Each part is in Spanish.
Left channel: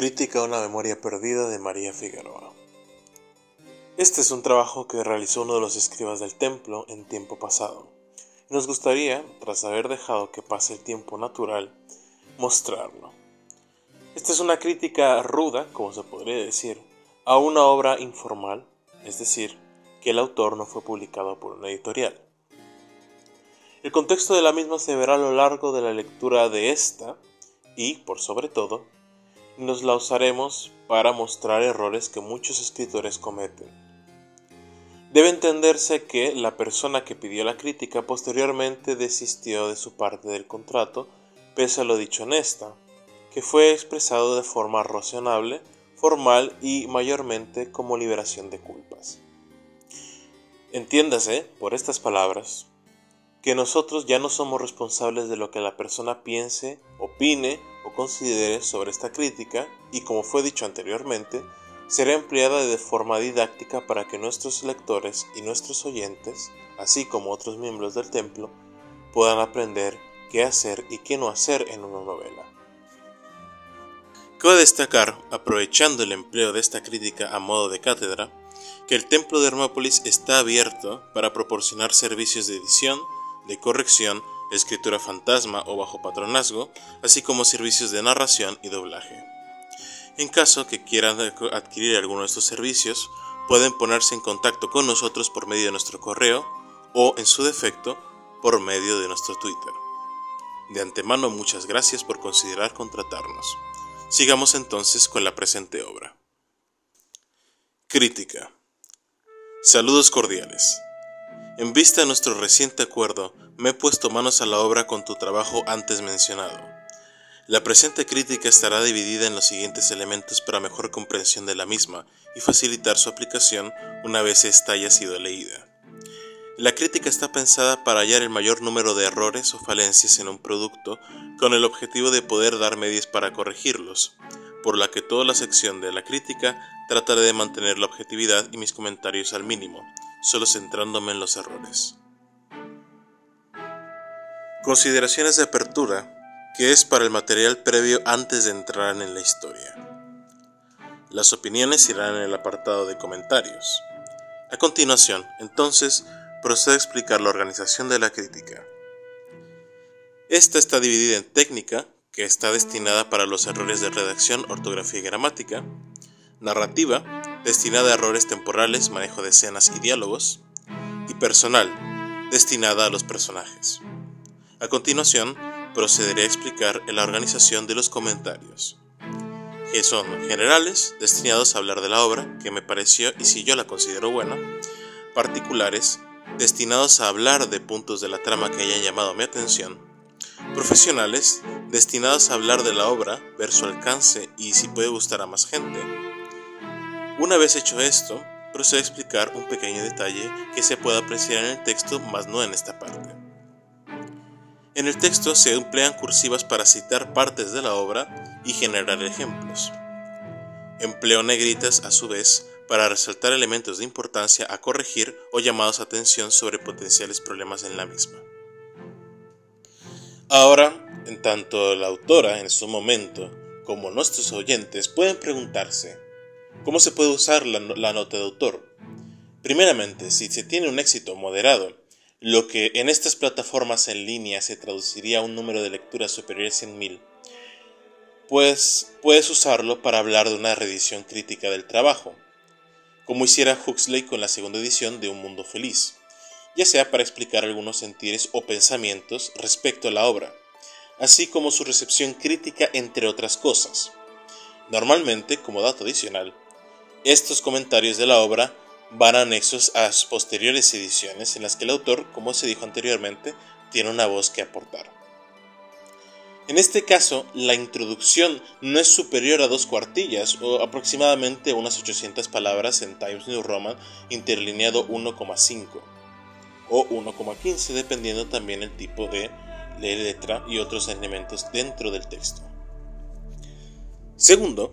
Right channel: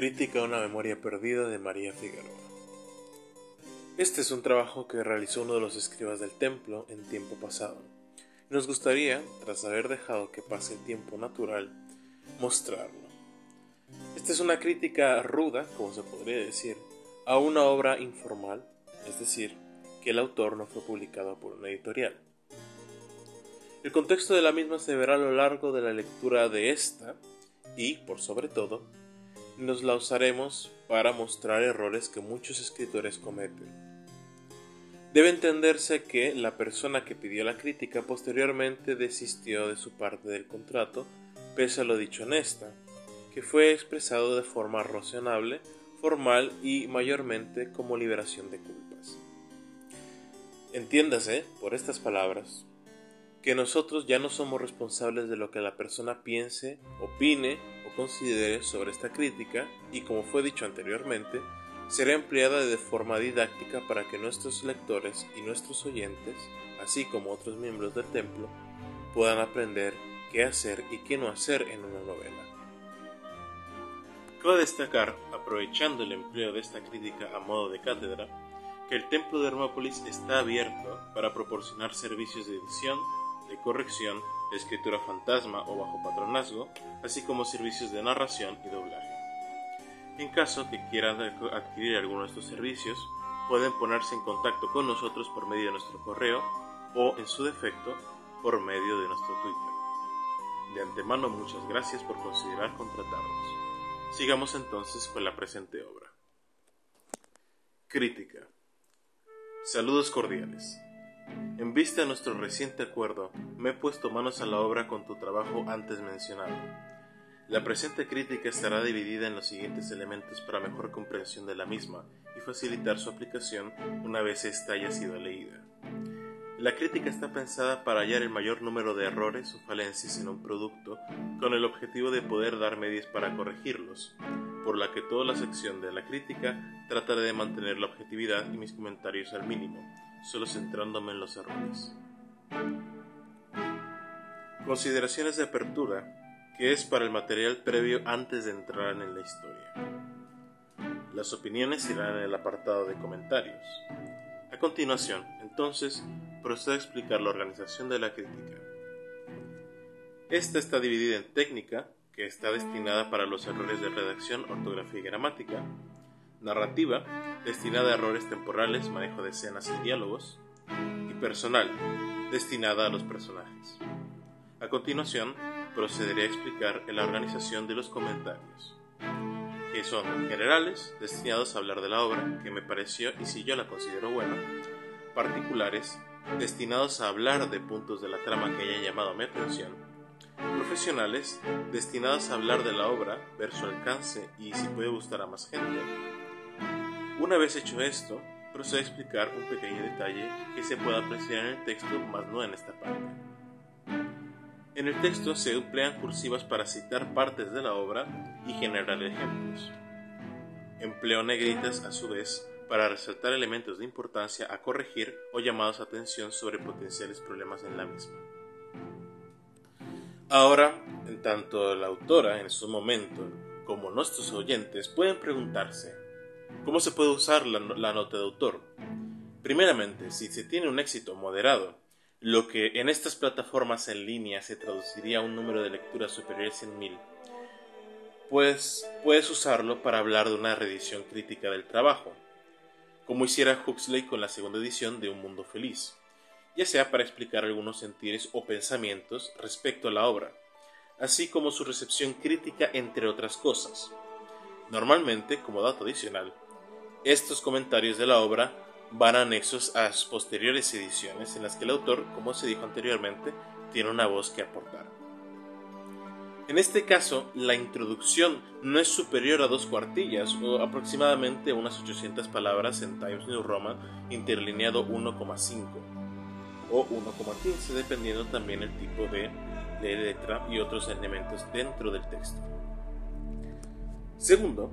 Crítica a una memoria perdida de María Figueroa. Este es un trabajo que realizó uno de los escribas del templo en tiempo pasado. Y nos gustaría, tras haber dejado que pase el tiempo natural, mostrarlo. Esta es una crítica ruda, como se podría decir, a una obra informal, es decir, que el autor no fue publicado por una editorial. El contexto de la misma se verá a lo largo de la lectura de esta y, por sobre todo, nos la usaremos para mostrar errores que muchos escritores cometen. Debe entenderse que la persona que pidió la crítica posteriormente desistió de su parte del contrato, pese a lo dicho en esta, que fue expresado de forma razonable, formal y mayormente como liberación de culpas. Entiéndase, por estas palabras, que nosotros ya no somos responsables de lo que la persona piense, opine o considere sobre esta crítica y, como fue dicho anteriormente, será empleada de forma didáctica para que nuestros lectores y nuestros oyentes, así como otros miembros del templo, puedan aprender qué hacer y qué no hacer en una novela. Cabe destacar, aprovechando el empleo de esta crítica a modo de cátedra, que el templo de Hermópolis está abierto para proporcionar servicios de edición, de corrección, escritura fantasma o bajo patronazgo, así como servicios de narración y doblaje. En caso que quieran adquirir alguno de estos servicios, pueden ponerse en contacto con nosotros por medio de nuestro correo o, en su defecto, por medio de nuestro Twitter. De antemano, muchas gracias por considerar contratarnos. Sigamos entonces con la presente obra. Crítica. Saludos cordiales. En vista de nuestro reciente acuerdo, me he puesto manos a la obra con tu trabajo antes mencionado. La presente crítica estará dividida en los siguientes elementos para mejor comprensión de la misma y facilitar su aplicación una vez ésta haya sido leída. La crítica está pensada para hallar el mayor número de errores o falencias en un producto con el objetivo de poder dar medios para corregirlos, por la que toda la sección de la crítica trataré de mantener la objetividad y mis comentarios al mínimo, solo centrándome en los errores. Consideraciones de apertura, que es para el material previo antes de entrar en la historia. Las opiniones irán en el apartado de comentarios. A continuación, entonces, procedo a explicar la organización de la crítica. Esta está dividida en técnica, que está destinada para los errores de redacción, ortografía y gramática; narrativa, destinada a errores temporales, manejo de escenas y diálogos; y personal, destinada a los personajes. A continuación, procederé a explicar la organización de los comentarios, que son generales, destinados a hablar de la obra, que me pareció y si yo la considero buena; particulares, destinados a hablar de puntos de la trama que hayan llamado mi atención; profesionales, destinados a hablar de la obra, ver su alcance y si puede gustar a más gente. Una vez hecho esto, procedo a explicar un pequeño detalle que se puede apreciar en el texto, mas no en esta parte. En el texto se emplean cursivas para citar partes de la obra y generar ejemplos. Empleo negritas, a su vez, para resaltar elementos de importancia a corregir o llamados a atención sobre potenciales problemas en la misma. Ahora, en tanto la autora en su momento como nuestros oyentes pueden preguntarse: ¿cómo se puede usar la nota de autor? Primeramente, si se tiene un éxito moderado, lo que en estas plataformas en línea se traduciría a un número de lecturas superior a 100.000, pues puedes usarlo para hablar de una reedición crítica del trabajo, como hiciera Huxley con la segunda edición de Un Mundo Feliz, ya sea para explicar algunos sentires o pensamientos respecto a la obra, así como su recepción crítica, entre otras cosas. Normalmente, como dato adicional, estos comentarios de la obra van anexos a posteriores ediciones en las que el autor, como se dijo anteriormente, tiene una voz que aportar. En este caso, la introducción no es superior a 2 cuartillas o aproximadamente unas 800 palabras en Times New Roman interlineado 1,5 o 1,15, dependiendo también el tipo de letra y otros elementos dentro del texto. Segundo,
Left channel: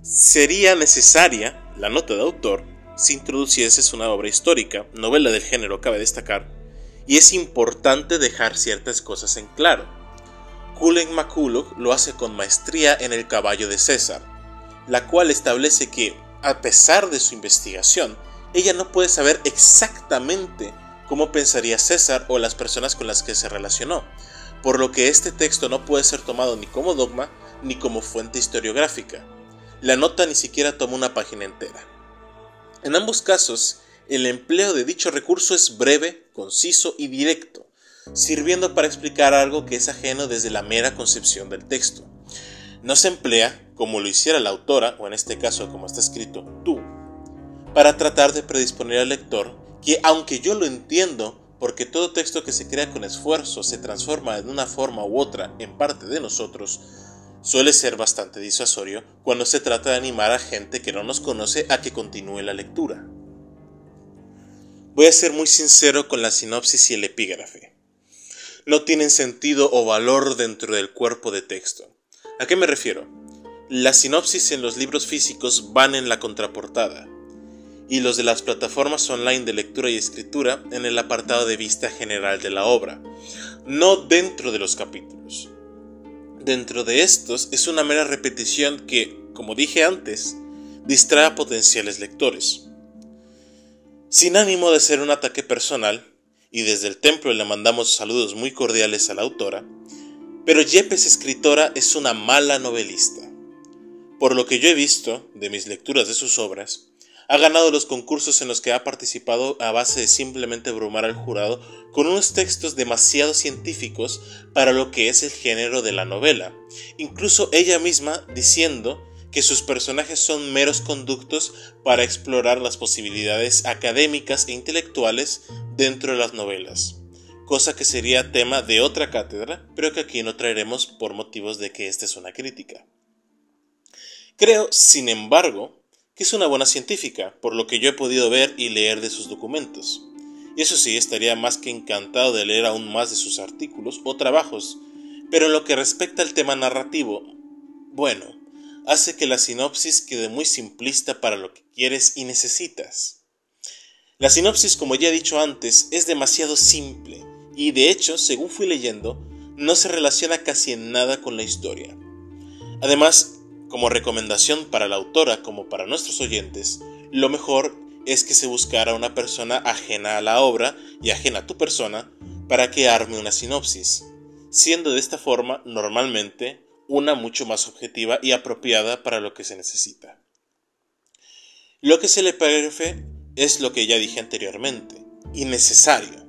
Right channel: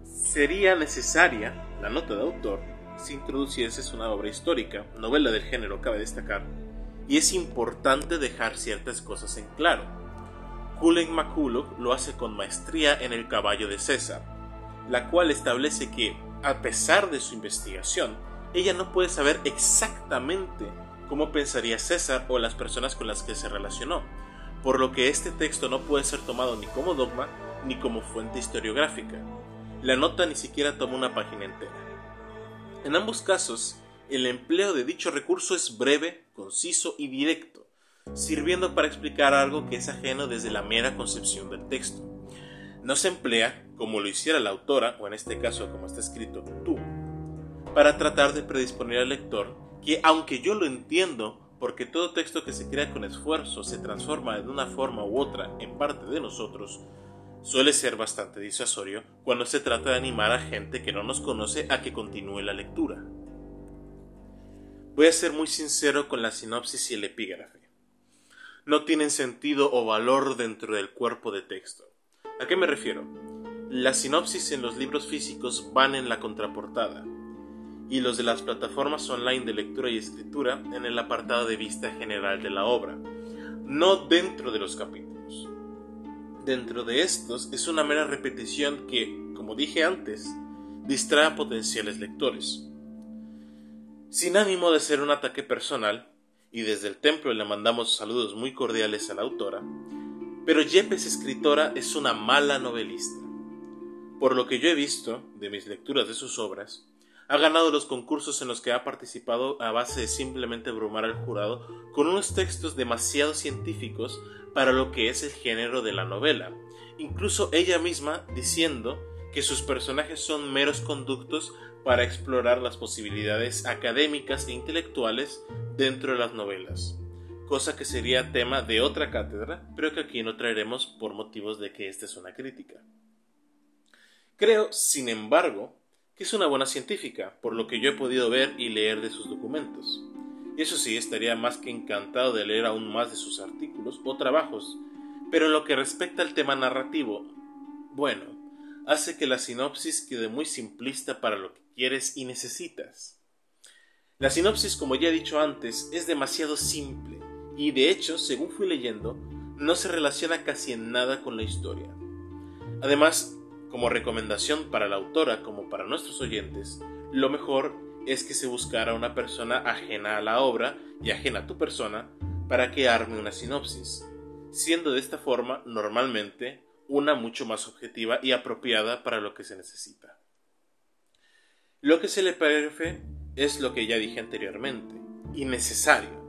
sería necesaria la nota de autor si introducieses una obra histórica, novela del género cabe destacar, y es importante dejar ciertas cosas en claro. Cullen McCulloch lo hace con maestría en El caballo de César, la cual establece que, a pesar de su investigación, ella no puede saber exactamente cómo pensaría César o las personas con las que se relacionó, por lo que este texto no puede ser tomado ni como dogma ni como fuente historiográfica. La nota ni siquiera toma una página entera. En ambos casos, el empleo de dicho recurso es breve, conciso y directo, sirviendo para explicar algo que es ajeno desde la mera concepción del texto. No se emplea, como lo hiciera la autora, o en este caso como está escrito, tú, para tratar de predisponer al lector, que aunque yo lo entiendo, porque todo texto que se crea con esfuerzo se transforma de una forma u otra en parte de nosotros, suele ser bastante disuasorio cuando se trata de animar a gente que no nos conoce a que continúe la lectura. Voy a ser muy sincero con la sinopsis y el epígrafe. No tienen sentido o valor dentro del cuerpo de texto. ¿A qué me refiero? Las sinopsis en los libros físicos van en la contraportada, y los de las plataformas online de lectura y escritura en el apartado de vista general de la obra, no dentro de los capítulos. Dentro de estos es una mera repetición que, como dije antes, distrae a potenciales lectores. Sin ánimo de ser un ataque personal, y desde el templo le mandamos saludos muy cordiales a la autora, pero Yepes escritora es una mala novelista. Por lo que yo he visto, de mis lecturas de sus obras, ha ganado los concursos en los que ha participado a base de simplemente abrumar al jurado con unos textos demasiado científicos para lo que es el género de la novela, incluso ella misma diciendo que sus personajes son meros conductos para explorar las posibilidades académicas e intelectuales dentro de las novelas, cosa que sería tema de otra cátedra, pero que aquí no traeremos por motivos de que esta es una crítica. Creo, sin embargo, que es una buena científica, por lo que yo he podido ver y leer de sus documentos. Y eso sí, estaría más que encantado de leer aún más de sus artículos o trabajos, pero en lo que respecta al tema narrativo, bueno, hace que la sinopsis quede muy simplista para lo que quieres y necesitas. La sinopsis, como ya he dicho antes, es demasiado simple, y de hecho, según fui leyendo, no se relaciona casi en nada con la historia. Además, como recomendación para la autora como para nuestros oyentes, lo mejor es que se buscara una persona ajena a la obra y ajena a tu persona para que arme una sinopsis, siendo de esta forma normalmente una mucho más objetiva y apropiada para lo que se necesita. Lo que se le parece es lo que ya dije anteriormente, innecesario.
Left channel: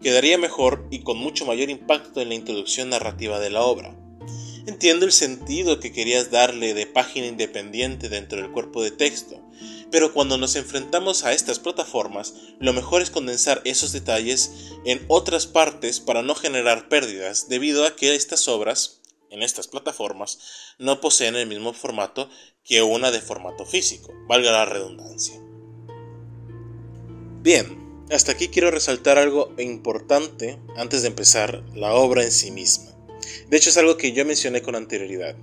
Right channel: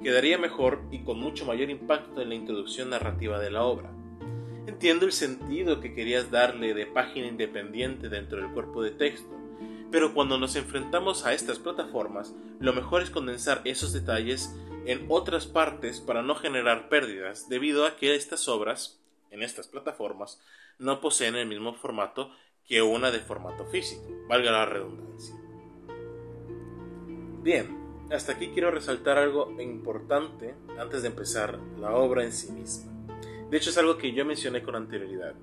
Quedaría mejor y con mucho mayor impacto en la introducción narrativa de la obra. Entiendo el sentido que querías darle de página independiente dentro del cuerpo de texto, pero cuando nos enfrentamos a estas plataformas, lo mejor es condensar esos detalles en otras partes para no generar pérdidas, debido a que estas obras, en estas plataformas, no poseen el mismo formato que una de formato físico, valga la redundancia. Bien, hasta aquí quiero resaltar algo importante antes de empezar la obra en sí misma. De hecho, es algo que yo mencioné con anterioridad.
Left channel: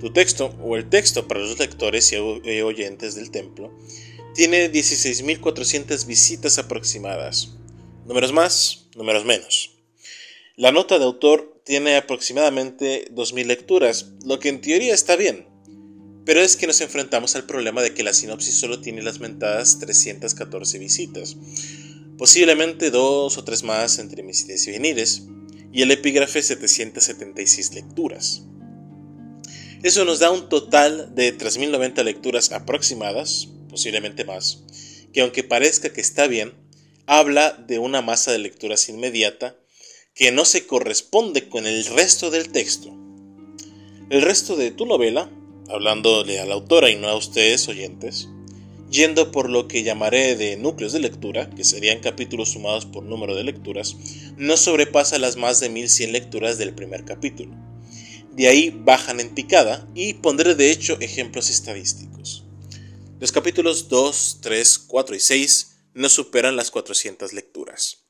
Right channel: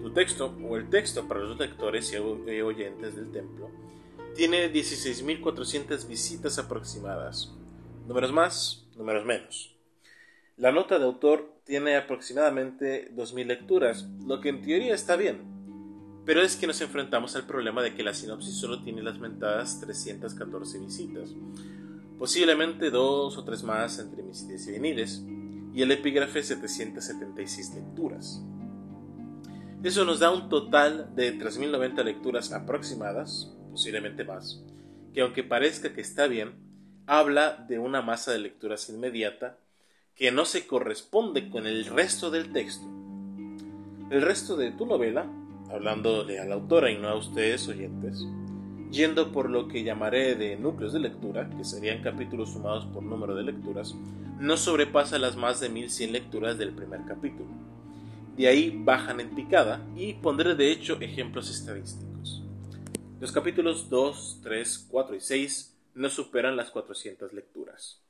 Tu texto, o el texto para los lectores y oyentes del templo, tiene 16.400 visitas aproximadas. Números más, números menos. La nota de autor tiene aproximadamente 2.000 lecturas, lo que en teoría está bien. Pero es que nos enfrentamos al problema de que la sinopsis solo tiene las mentadas 314 visitas. Posiblemente 2 o 3 más entre misiles y veniles, y el epígrafe 776 lecturas. Eso nos da un total de 3.090 lecturas aproximadas, posiblemente más, que aunque parezca que está bien, habla de una masa de lecturas inmediata que no se corresponde con el resto del texto. El resto de tu novela, hablándole a la autora y no a ustedes oyentes, yendo por lo que llamaré de núcleos de lectura, que serían capítulos sumados por número de lecturas, no sobrepasa las más de 1.100 lecturas del primer capítulo. De ahí bajan en picada y pondré de hecho ejemplos estadísticos. Los capítulos 2, 3, 4 y 6 no superan las 400 lecturas.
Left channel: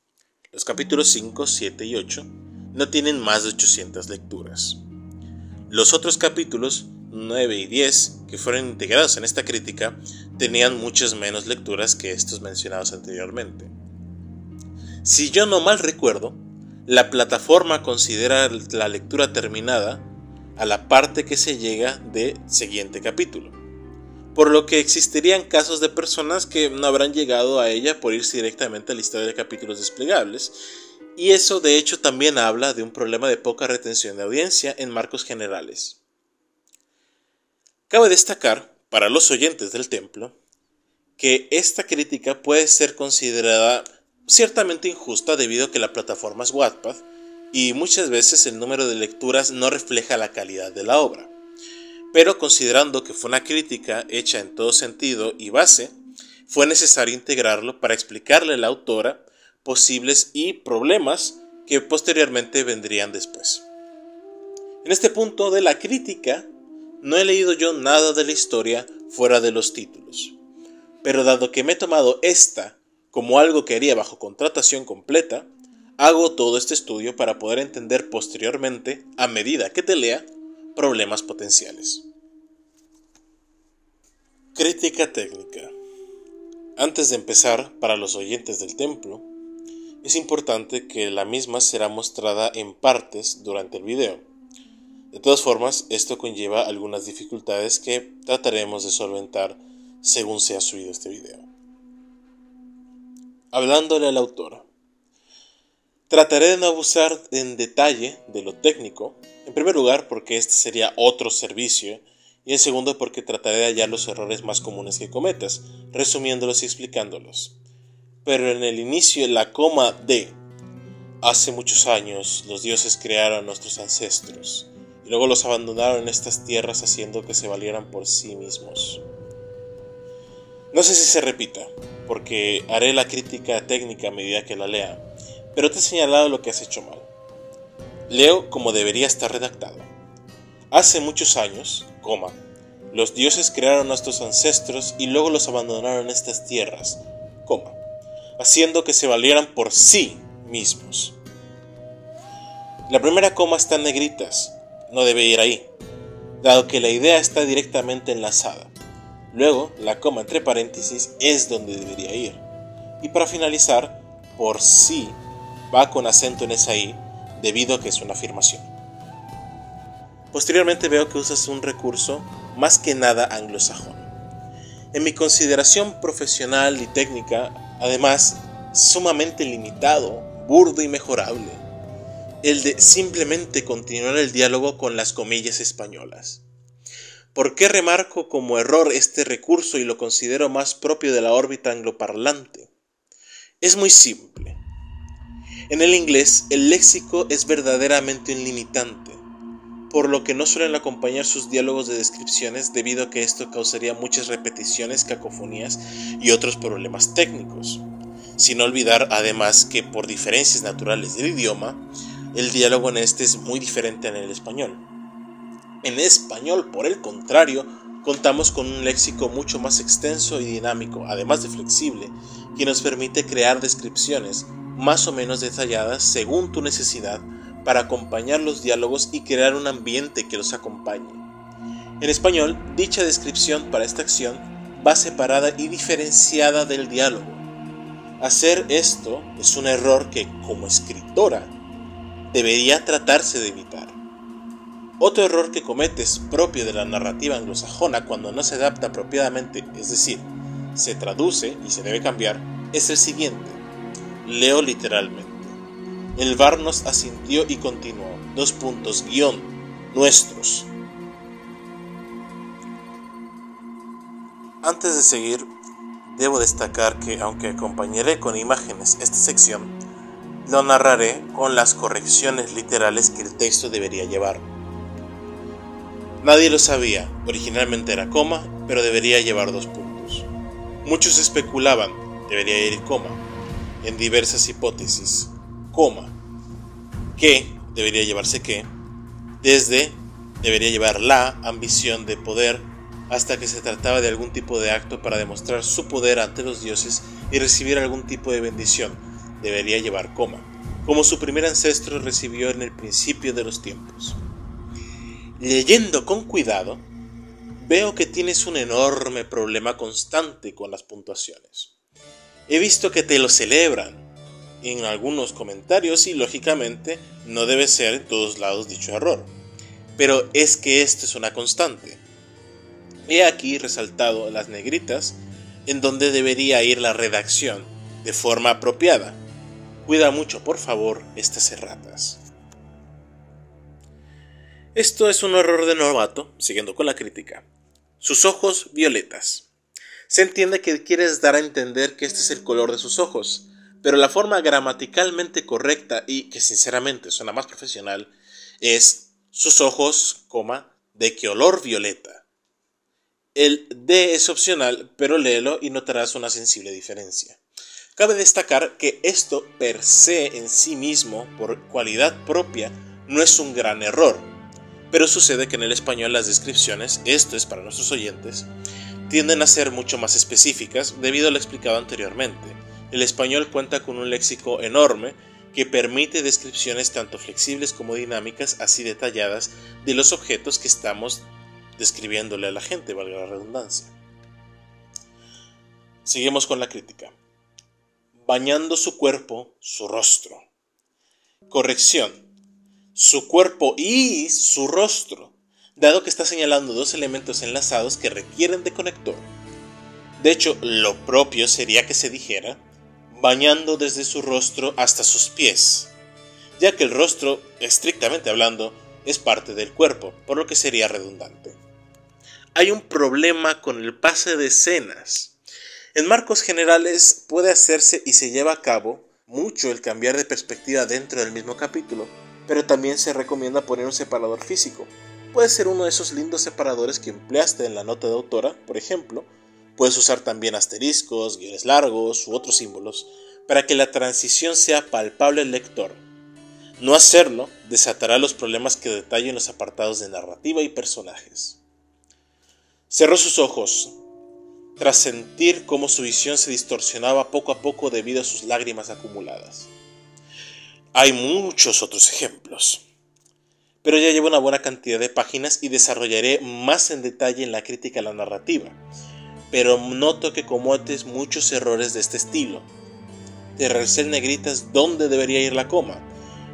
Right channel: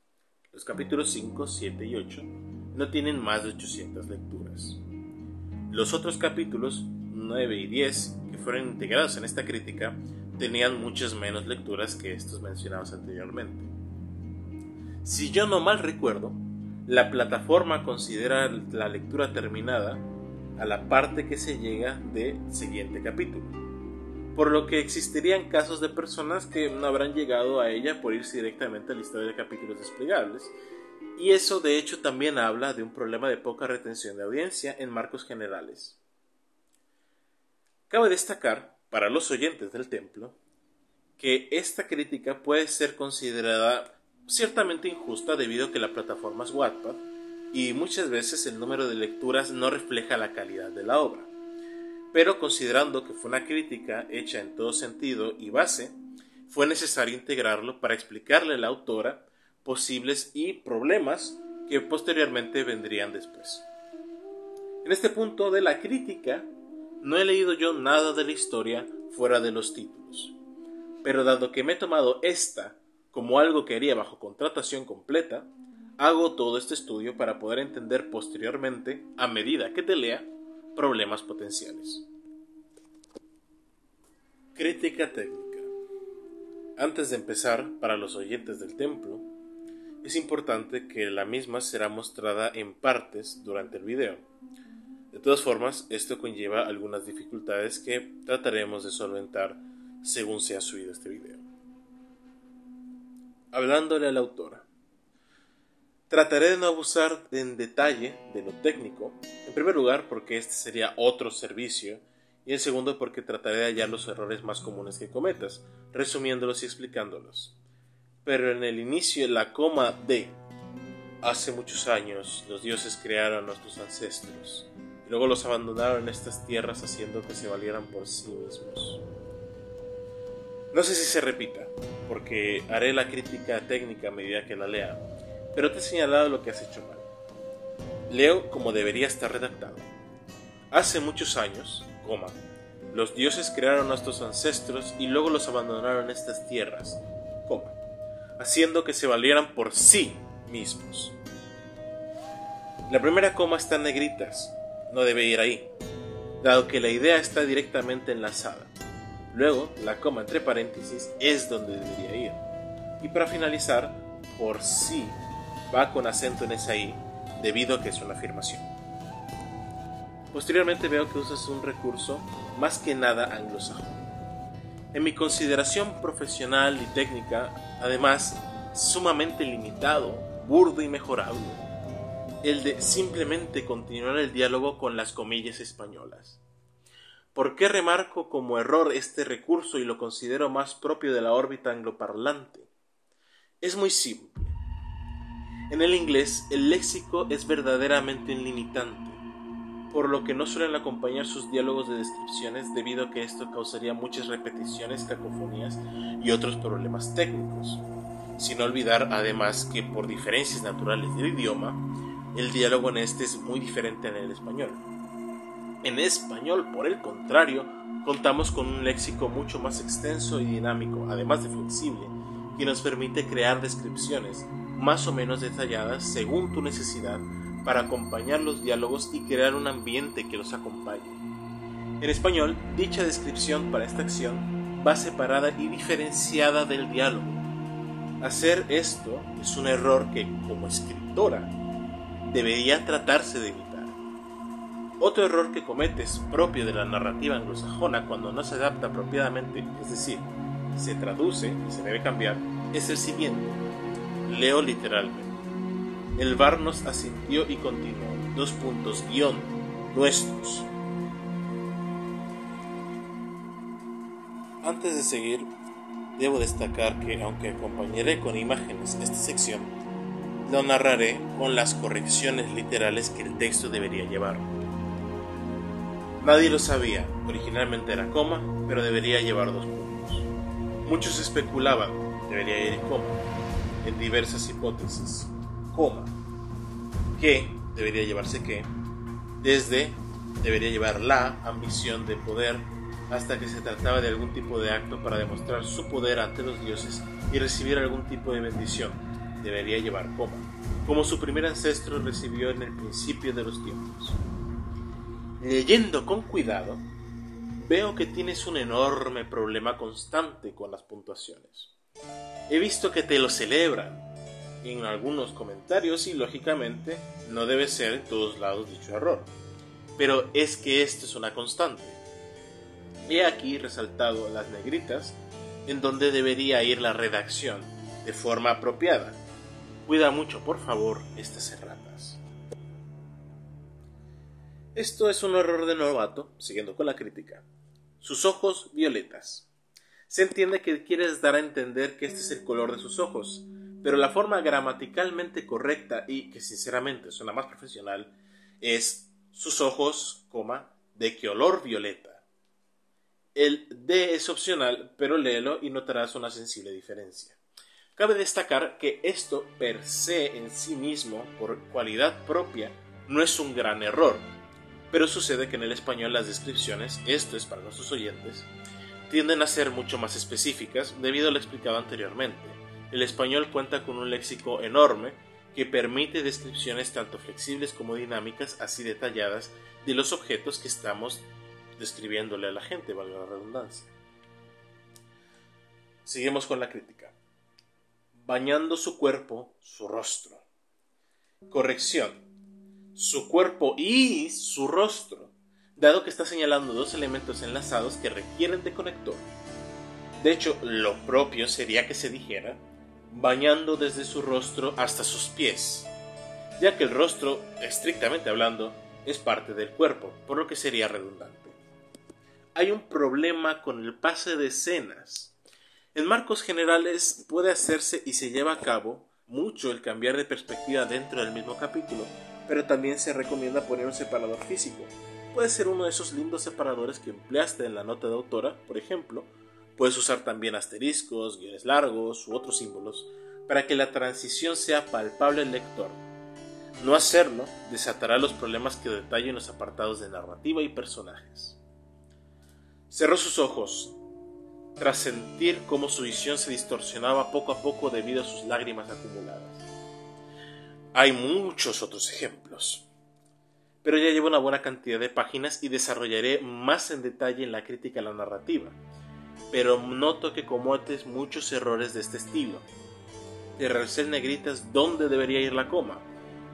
Los capítulos 5, 7 y 8 no tienen más de 800 lecturas. Los otros capítulos 9 y 10, que fueron integrados en esta crítica, tenían muchas menos lecturas que estos mencionados anteriormente. Si yo no mal recuerdo, la plataforma considera la lectura terminada a la parte que se llega del siguiente capítulo, por lo que existirían casos de personas que no habrán llegado a ella por irse directamente a la historia de capítulos desplegables, y eso de hecho también habla de un problema de poca retención de audiencia en marcos generales. Cabe destacar, para los oyentes del templo, que esta crítica puede ser considerada ciertamente injusta debido a que la plataforma es Wattpad y muchas veces el número de lecturas no refleja la calidad de la obra. Pero considerando que fue una crítica hecha en todo sentido y base, fue necesario integrarlo para explicarle a la autora posibles y problemas que posteriormente vendrían después. En este punto de la crítica, no he leído yo nada de la historia fuera de los títulos, pero dado que me he tomado esta como algo que haría bajo contratación completa, hago todo este estudio para poder entender posteriormente, a medida que te lea, problemas potenciales. Crítica técnica. Antes de empezar, para los oyentes del templo, es importante que la misma será mostrada en partes durante el video. De todas formas, esto conlleva algunas dificultades que trataremos de solventar según sea subido este video. Hablándole a la autora. Trataré de no abusar en detalle de lo técnico, en primer lugar porque este sería otro servicio, y en segundo porque trataré de hallar los errores más comunes que cometas, resumiéndolos y explicándolos. Pero en el inicio la coma de hace muchos años los dioses crearon a nuestros ancestros, y luego los abandonaron en estas tierras haciendo que se valieran por sí mismos. No sé si se repita, porque haré la crítica técnica a medida que la lea, pero te he señalado lo que has hecho mal. Leo como debería estar redactado. Hace muchos años, los dioses crearon a nuestros ancestros y luego los abandonaron en estas tierras, haciendo que se valieran por sí mismos. La primera coma está en negritas, no debe ir ahí, dado que la idea está directamente enlazada. Luego, la coma entre paréntesis es donde debería ir. Y para finalizar, por sí va con acento en esa i, debido a que es una afirmación. Posteriormente veo que usas un recurso más que nada anglosajón. En mi consideración profesional y técnica, además, sumamente limitado, burdo y mejorable, el de simplemente continuar el diálogo con las comillas españolas. ¿Por qué remarco como error este recurso y lo considero más propio de la órbita angloparlante? Es muy simple. En el inglés, el léxico es verdaderamente un limitante, por lo que no suelen acompañar sus diálogos de descripciones debido a que esto causaría muchas repeticiones, cacofonías y otros problemas técnicos. Sin olvidar además que por diferencias naturales del idioma, el diálogo en este es muy diferente en el español. En español, por el contrario, contamos con un léxico mucho más extenso y dinámico, además de flexible, que nos permite crear descripciones más o menos detalladas según tu necesidad para acompañar los diálogos y crear un ambiente que los acompañe. En español, dicha descripción para esta acción va separada y diferenciada del diálogo. Hacer esto es un error que, como escritora, debería tratarse de evitar. Otro error que cometes propio de la narrativa anglosajona cuando no se adapta apropiadamente, es decir, se traduce y se debe cambiar, es el siguiente. Leo literalmente. El Varnos asintió y continuó. _nuestros. Antes de seguir, debo destacar que aunque acompañaré con imágenes esta sección, lo narraré con las correcciones literales que el texto debería llevar. Nadie lo sabía, originalmente era coma, pero debería llevar 2 puntos. Muchos especulaban, debería ir coma, en diversas hipótesis, coma, que debería llevarse que, desde debería llevar la ambición de poder, hasta que se trataba de algún tipo de acto para demostrar su poder ante los dioses y recibir algún tipo de bendición, debería llevar coma, como su primer ancestro recibió en el principio de los tiempos. Leyendo con cuidado, veo que tienes un enorme problema constante con las puntuaciones. He visto que te lo celebran en algunos comentarios y lógicamente no debe ser en todos lados dicho error. pero es que esto es una constante. He aquí resaltado las negritas en donde debería ir la redacción de forma apropiada. Cuida mucho, por favor, estas erratas. Esto es un error de novato, siguiendo con la crítica. Sus ojos violetas. Se entiende que quieres dar a entender que este es el color de sus ojos, pero la forma gramaticalmente correcta y que sinceramente suena más profesional es sus ojos, de qué olor violeta. El D es opcional, pero léelo y notarás una sensible diferencia. Cabe destacar que esto per se en sí mismo, por cualidad propia, no es un gran error, pero sucede que en el español las descripciones, esto es para nuestros oyentes, tienden a ser mucho más específicas debido a lo explicado anteriormente. El español cuenta con un léxico enorme que permite descripciones tanto flexibles como dinámicas, así detalladas, de los objetos que estamos describiéndole a la gente, valga la redundancia. Seguimos con la crítica. Bañando su cuerpo, su rostro. Corrección. Su cuerpo y su rostro, dado que está señalando dos elementos enlazados que requieren de conector. De hecho, lo propio sería que se dijera bañando desde su rostro hasta sus pies, ya que el rostro, estrictamente hablando, es parte del cuerpo, por lo que sería redundante. Hay un problema con el pase de escenas. En marcos generales puede hacerse y se lleva a cabo mucho el cambiar de perspectiva dentro del mismo capítulo, pero también se recomienda poner un separador físico. Puede ser uno de esos lindos separadores que empleaste en la nota de autora, por ejemplo. Puedes usar también asteriscos, guiones largos u otros símbolos para que la transición sea palpable al lector. No hacerlo desatará los problemas que detallo en los apartados de narrativa y personajes. Cerró sus ojos, tras sentir cómo su visión se distorsionaba poco a poco debido a sus lágrimas acumuladas. Hay muchos otros ejemplos, pero ya llevo una buena cantidad de páginas y desarrollaré más en detalle en la crítica a la narrativa, pero noto que cometes muchos errores de este estilo. Te realicé en negritas dónde debería ir la coma,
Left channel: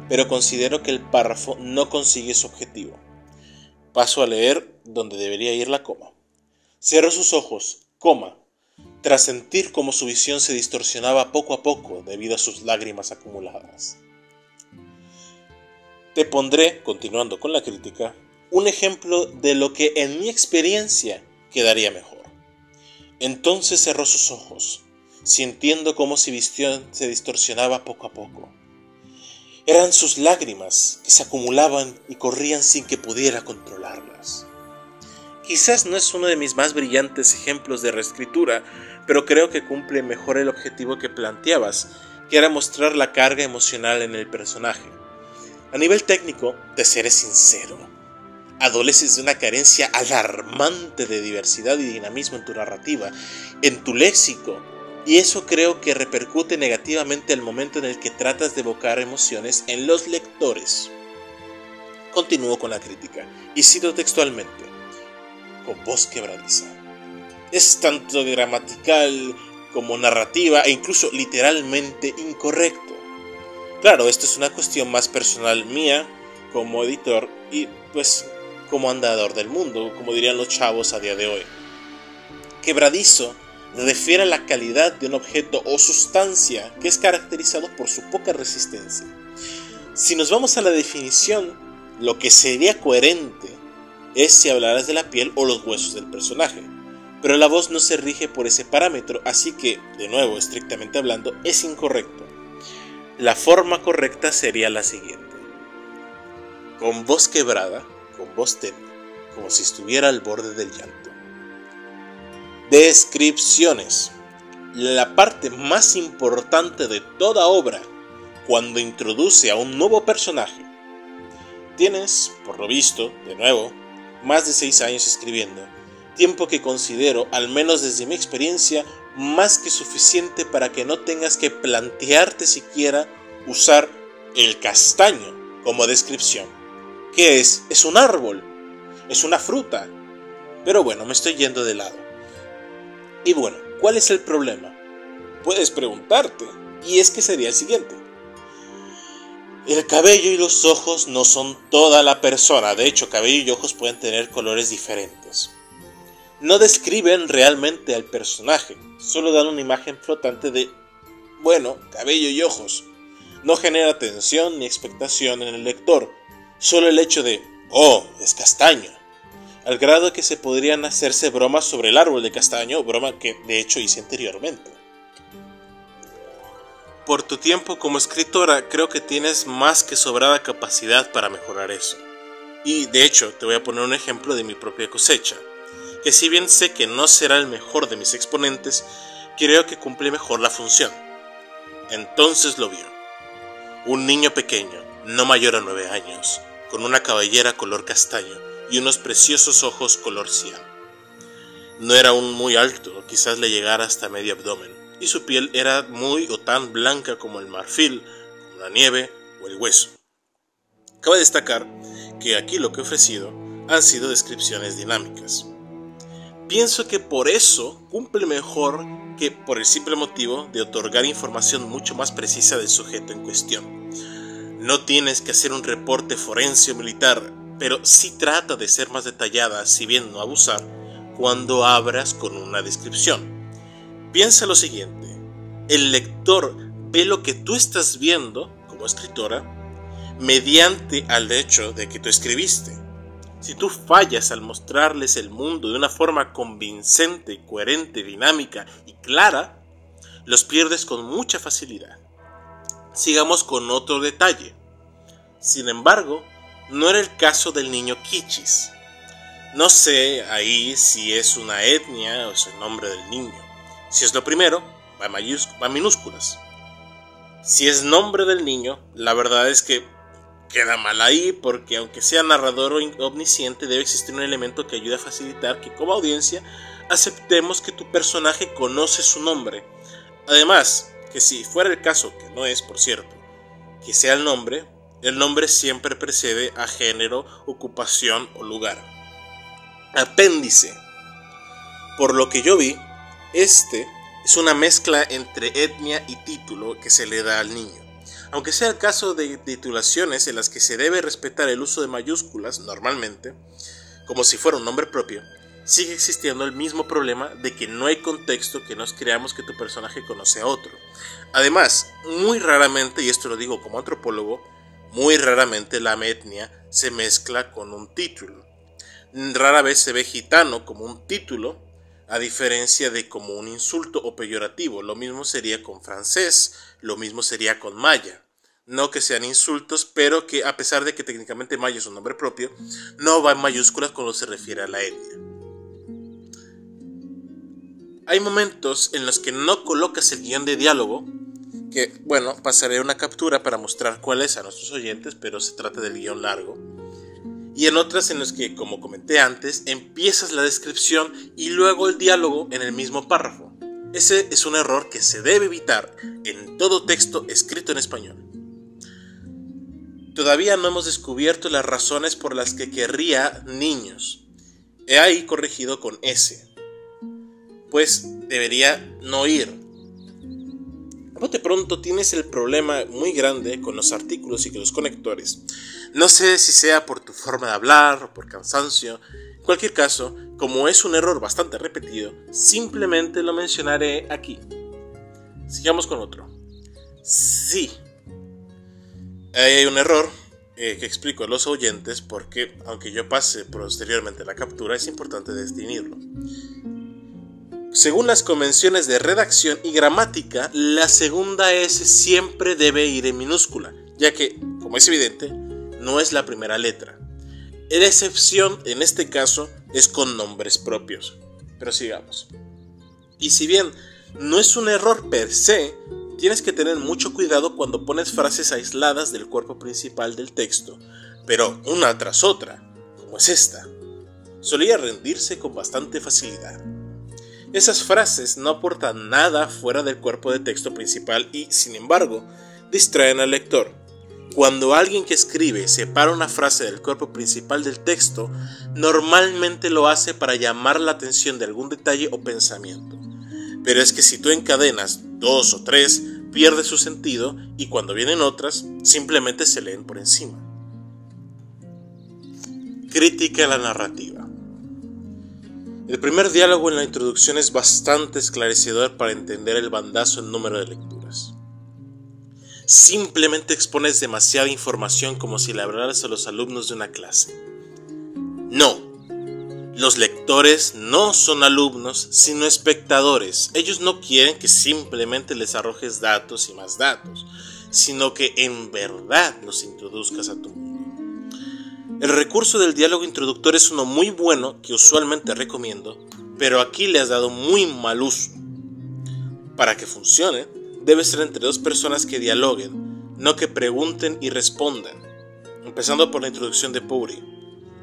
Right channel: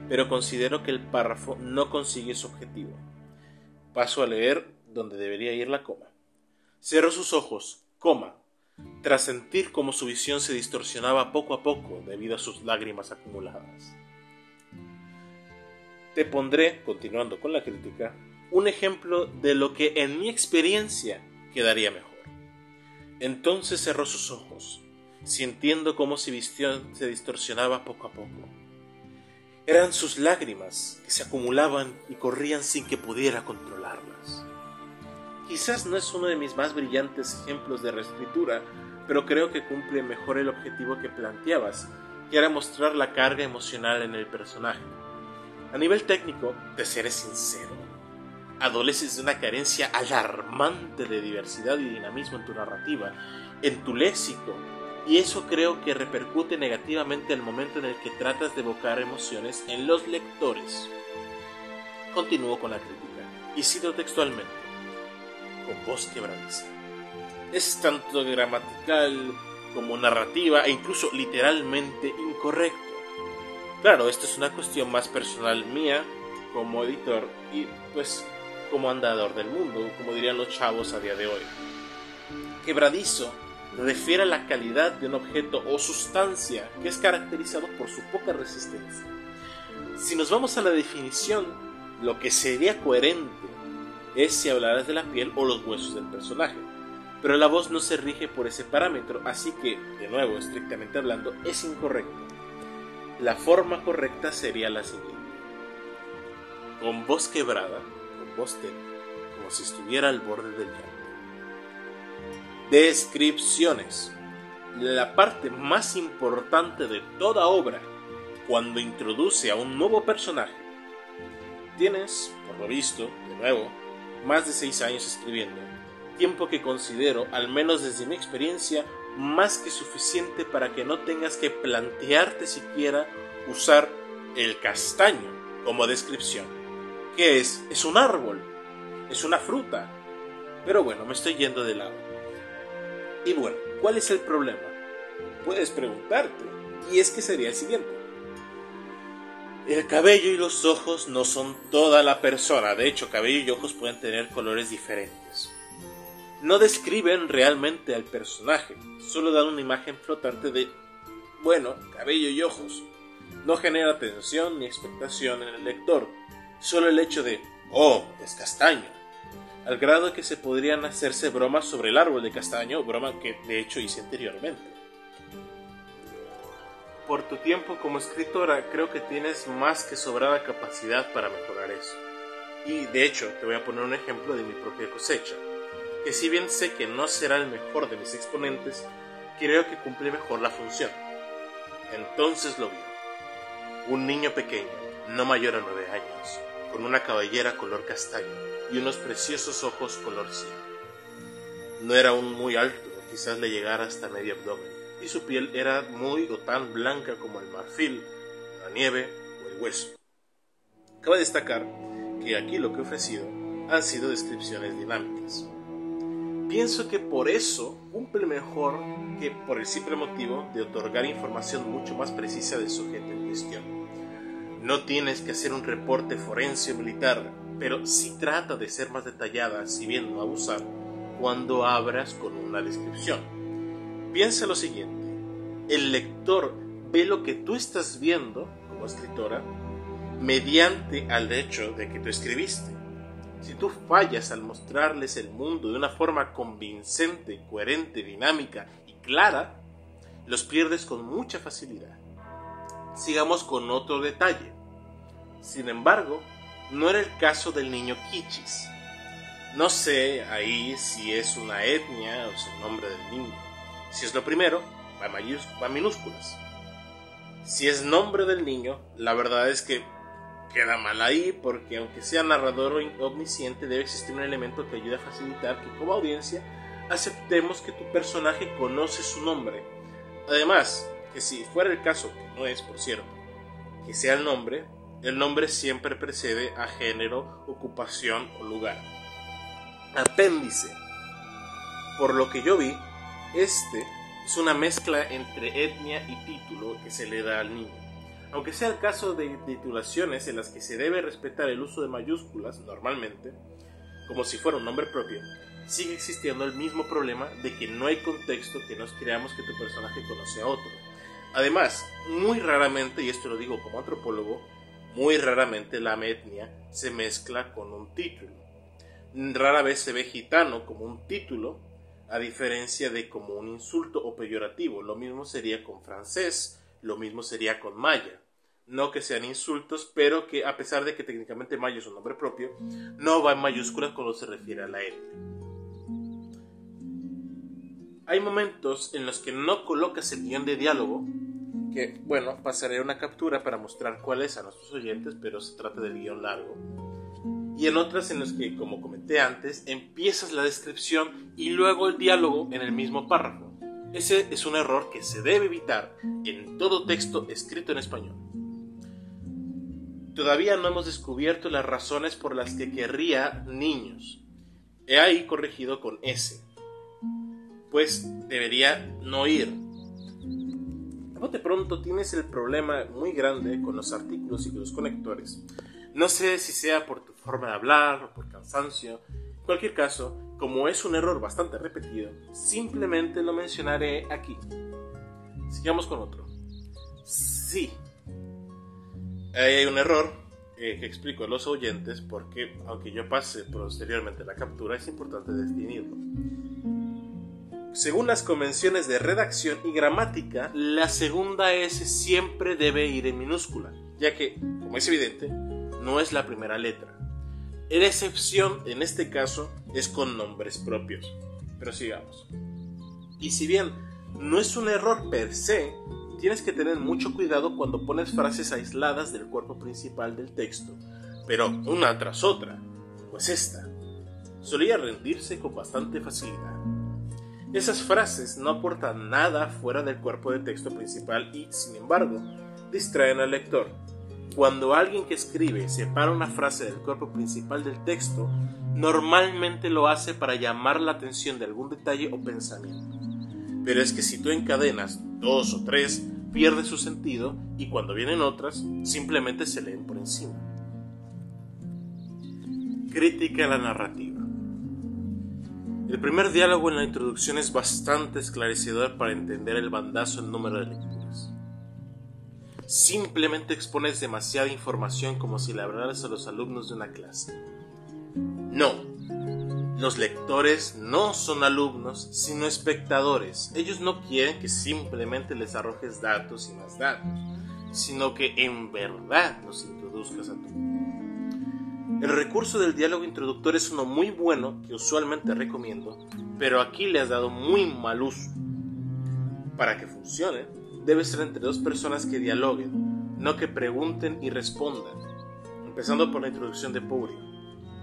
pero considero que el párrafo no consigue su objetivo. Paso a leer donde debería ir la coma. Cerró sus ojos, tras sentir cómo su visión se distorsionaba poco a poco debido a sus lágrimas acumuladas. Te pondré, continuando con la crítica, un ejemplo de lo que en mi experiencia quedaría mejor. Entonces cerró sus ojos, sintiendo cómo su visión se distorsionaba poco a poco. Eran sus lágrimas que se acumulaban y corrían sin que pudiera controlarlas. Quizás no es uno de mis más brillantes ejemplos de reescritura, pero creo que cumple mejor el objetivo que planteabas, que era mostrar la carga emocional en el personaje. A nivel técnico, te seré sincero, adoleces de una carencia alarmante de diversidad y dinamismo en tu narrativa, en tu léxico, y eso creo que repercute negativamente al momento en el que tratas de evocar emociones en los lectores. Continúo con la crítica, y cito textualmente, con voz quebradiza. Es tanto gramatical como narrativa e incluso literalmente incorrecto. Claro, esto es una cuestión más personal mía como editor y pues como andador del mundo, como dirían los chavos a día de hoy. Quebradizo refiere a la calidad de un objeto o sustancia que es caracterizado por su poca resistencia. Si nos vamos a la definición, lo que sería coherente es si hablaras de la piel o los huesos del personaje, pero la voz no se rige por ese parámetro, así que, de nuevo, estrictamente hablando, es incorrecto. La forma correcta sería la siguiente: con voz quebrada, con voz tenue, como si estuviera al borde del llanto. Descripciones. La parte más importante de toda obra, cuando introduce a un nuevo personaje. Tienes, por lo visto, de nuevo, más de 6 años escribiendo, tiempo que considero, al menos desde mi experiencia, más que suficiente para que no tengas que plantearte siquiera usar el castaño como descripción. ¿Qué es? Es un árbol, es una fruta. Pero bueno, me estoy yendo de lado. Y bueno, ¿cuál es el problema? Puedes preguntarte, y es que sería el siguiente. El cabello y los ojos no son toda la persona, de hecho, cabello y ojos pueden tener colores diferentes. No describen realmente al personaje, solo dan una imagen flotante de, cabello y ojos. No genera tensión ni expectación en el lector, solo el hecho de, es castaño. Al grado que se podrían hacerse bromas sobre el árbol de castaño, broma que de hecho hice anteriormente. Por tu tiempo como escritora, creo que tienes más que sobrada capacidad para mejorar eso. Y de hecho, te voy a poner un ejemplo de mi propia cosecha, que si bien sé que no será el mejor de mis exponentes, creo que cumple mejor la función. Entonces lo vio. Un niño pequeño, no mayor a 9 años, con una cabellera color castaño y unos preciosos ojos color cian. No era aún muy alto, quizás le llegara hasta medio abdomen, y su piel era muy o tan blanca como el marfil, como la nieve o el hueso. Cabe destacar que aquí lo que he ofrecido han sido descripciones dinámicas. Pienso que por eso cumple mejor que por el simple motivo de otorgar información mucho más precisa del sujeto en cuestión. No tienes que hacer un reporte forense o militar, pero sí trata de ser más detallada, si bien no abusar, cuando abras con una descripción. Piensa lo siguiente, el lector ve lo que tú estás viendo como escritora mediante al hecho de que tú escribiste. Si tú fallas al mostrarles el mundo de una forma convincente, coherente, dinámica y clara, los pierdes con mucha facilidad. Sigamos con otro detalle. Sin embargo, no era el caso del niño Kichis. No sé ahí si es una etnia o es el nombre del niño. Si es lo primero, va minúsculas. Si es nombre del niño, la verdad es que queda mal ahí, porque aunque sea narrador o omnisciente, debe existir un elemento que ayude a facilitar que como audiencia aceptemos que tu personaje conoce su nombre. Además, que si fuera el caso, que no es por cierto, que sea el nombre siempre precede a género, ocupación o lugar. Apéndice. Por lo que yo vi, este es una mezcla entre etnia y título que se le da al niño. Aunque sea el caso de titulaciones en las que se debe respetar el uso de mayúsculas normalmente, como si fuera un nombre propio, sigue existiendo el mismo problema de que no hay contexto que nos creamos que tu personaje conoce a otro. Además, muy raramente, y esto lo digo como antropólogo, muy raramente la etnia se mezcla con un título. Rara vez se ve gitano como un título, a diferencia de como un insulto o peyorativo. Lo mismo sería con francés, lo mismo sería con maya. No que sean insultos, pero que a pesar de que técnicamente maya es un nombre propio, no va en mayúsculas cuando se refiere a la etnia. Hay momentos en los que no colocas el guión de diálogo, que pasaré una captura para mostrar cuál es a nuestros oyentes, pero se trata del guión largo. Y en otras en las que, como comenté antes, empiezas la descripción y luego el diálogo en el mismo párrafo. Ese es un error que se debe evitar en todo texto escrito en español. Todavía no hemos descubierto las razones por las que querría niños. He ahí corregido con S. Pues debería no ir. De pronto tienes el problema muy grande con los artículos y con los conectores. No sé si sea por tu forma de hablar o por cansancio. En cualquier caso, como es un error bastante repetido, simplemente lo mencionaré aquí. Sigamos con otro. Sí. Hay un error que explico a los oyentes porque, aunque yo pase posteriormente la captura, es importante definirlo. Según las convenciones de redacción y gramática, la segunda S siempre debe ir en minúscula, ya que, como es evidente, no es la primera letra. La excepción, en este caso, es con nombres propios. Pero sigamos. Y si bien no es un error per se, tienes que tener mucho cuidado cuando pones frases aisladas del cuerpo principal del texto, pero una tras otra, como es esta. Solía rendirse con bastante facilidad. Esas frases no aportan nada fuera del cuerpo de texto principal y, sin embargo, distraen al lector. Cuando alguien que escribe separa una frase del cuerpo principal del texto, normalmente lo hace para llamar la atención de algún detalle o pensamiento. Pero es que si tú encadenas 2 o 3, pierde su sentido y cuando vienen otras, simplemente se leen por encima. Crítica a la narrativa. El primer diálogo en la introducción es bastante esclarecedor para entender el bandazo en número de lecturas. Simplemente expones demasiada información como si le hablaras a los alumnos de una clase. No, los lectores no son alumnos, sino espectadores. Ellos no quieren que simplemente les arrojes datos y más datos, sino que en verdad los introduzcas a tu mundo. El recurso del diálogo introductor es uno muy bueno que usualmente recomiendo, pero aquí le has dado muy mal uso. Para que funcione, debe ser entre dos personas que dialoguen, no que pregunten y respondan. Empezando por la introducción de Pobre.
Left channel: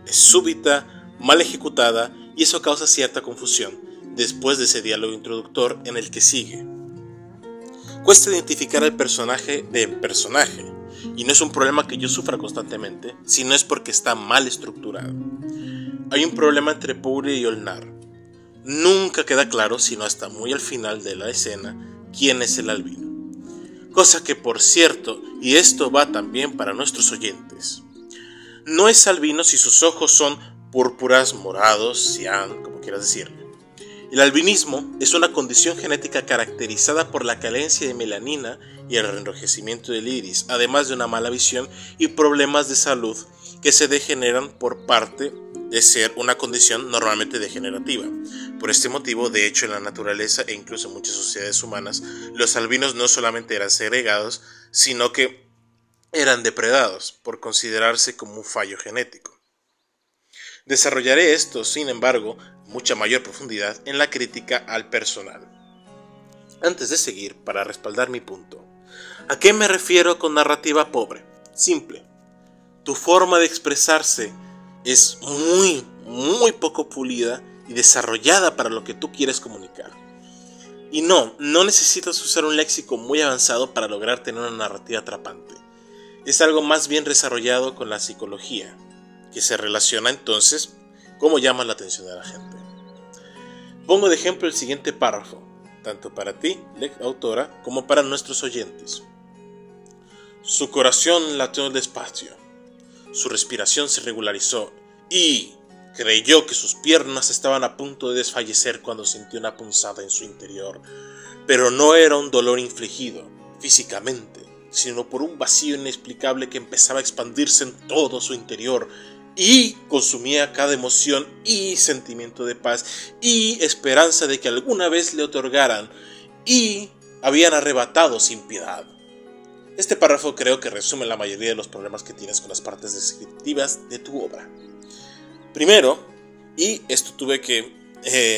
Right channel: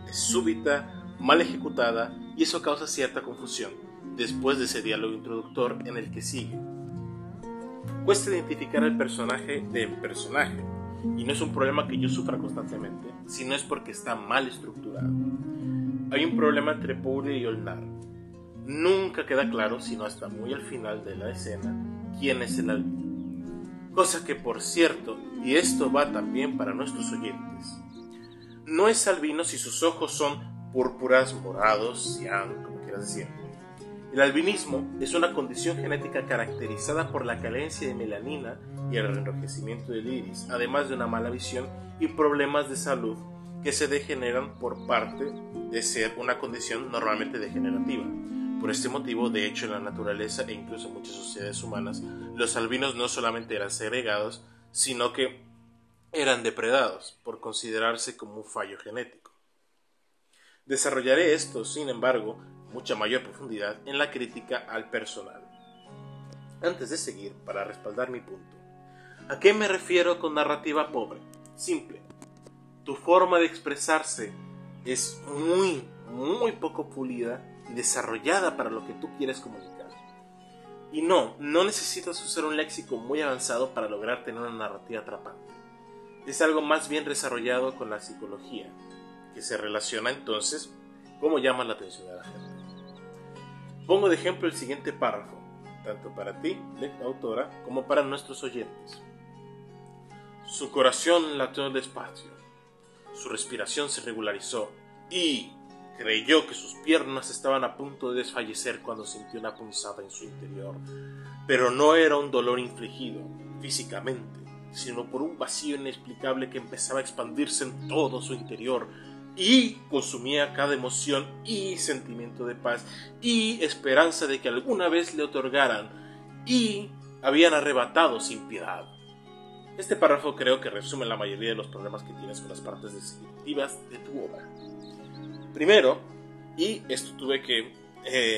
Es súbita, mal ejecutada y eso causa cierta confusión después de ese diálogo introductor en el que sigue. Cuesta identificar al personaje de personaje. Y no es un problema que yo sufra constantemente, sino es porque está mal estructurado. Hay un problema entre Pobre y Olnar. Nunca queda claro, sino hasta muy al final de la escena, quién es el albino. Cosa que, por cierto, y esto va también para nuestros oyentes, no es albino si sus ojos son púrpuras, morados, cian, como quieras decir. El albinismo es una condición genética caracterizada por la carencia de melanina y el enrojecimiento del iris, además de una mala visión y problemas de salud que se degeneran por parte de ser una condición normalmente degenerativa. Por este motivo, de hecho, en la naturaleza e incluso en muchas sociedades humanas, los albinos no solamente eran segregados, sino que eran depredados por considerarse como un fallo genético. Desarrollaré esto, sin embargo, mucha mayor profundidad en la crítica al personal. Antes de seguir, para respaldar mi punto, ¿a qué me refiero con narrativa pobre? Simple. Tu forma de expresarse es muy poco pulida y desarrollada para lo que tú quieres comunicar. Y no necesitas usar un léxico muy avanzado para lograr tener una narrativa atrapante. Es algo más bien desarrollado con la psicología, que se relaciona entonces cómo llamas la atención de la gente. Pongo de ejemplo el siguiente párrafo, tanto para ti, autora, como para nuestros oyentes. Su corazón latió despacio, su respiración se regularizó y creyó que sus piernas estaban a punto de desfallecer cuando sintió una punzada en su interior, pero no era un dolor infligido físicamente, sino por un vacío inexplicable que empezaba a expandirse en todo su interior y consumía cada emoción y sentimiento de paz y esperanza de que alguna vez le otorgaran y habían arrebatado sin piedad. Este párrafo creo que resume la mayoría de los problemas que tienes con las partes descriptivas de tu obra. Primero, y esto tuve que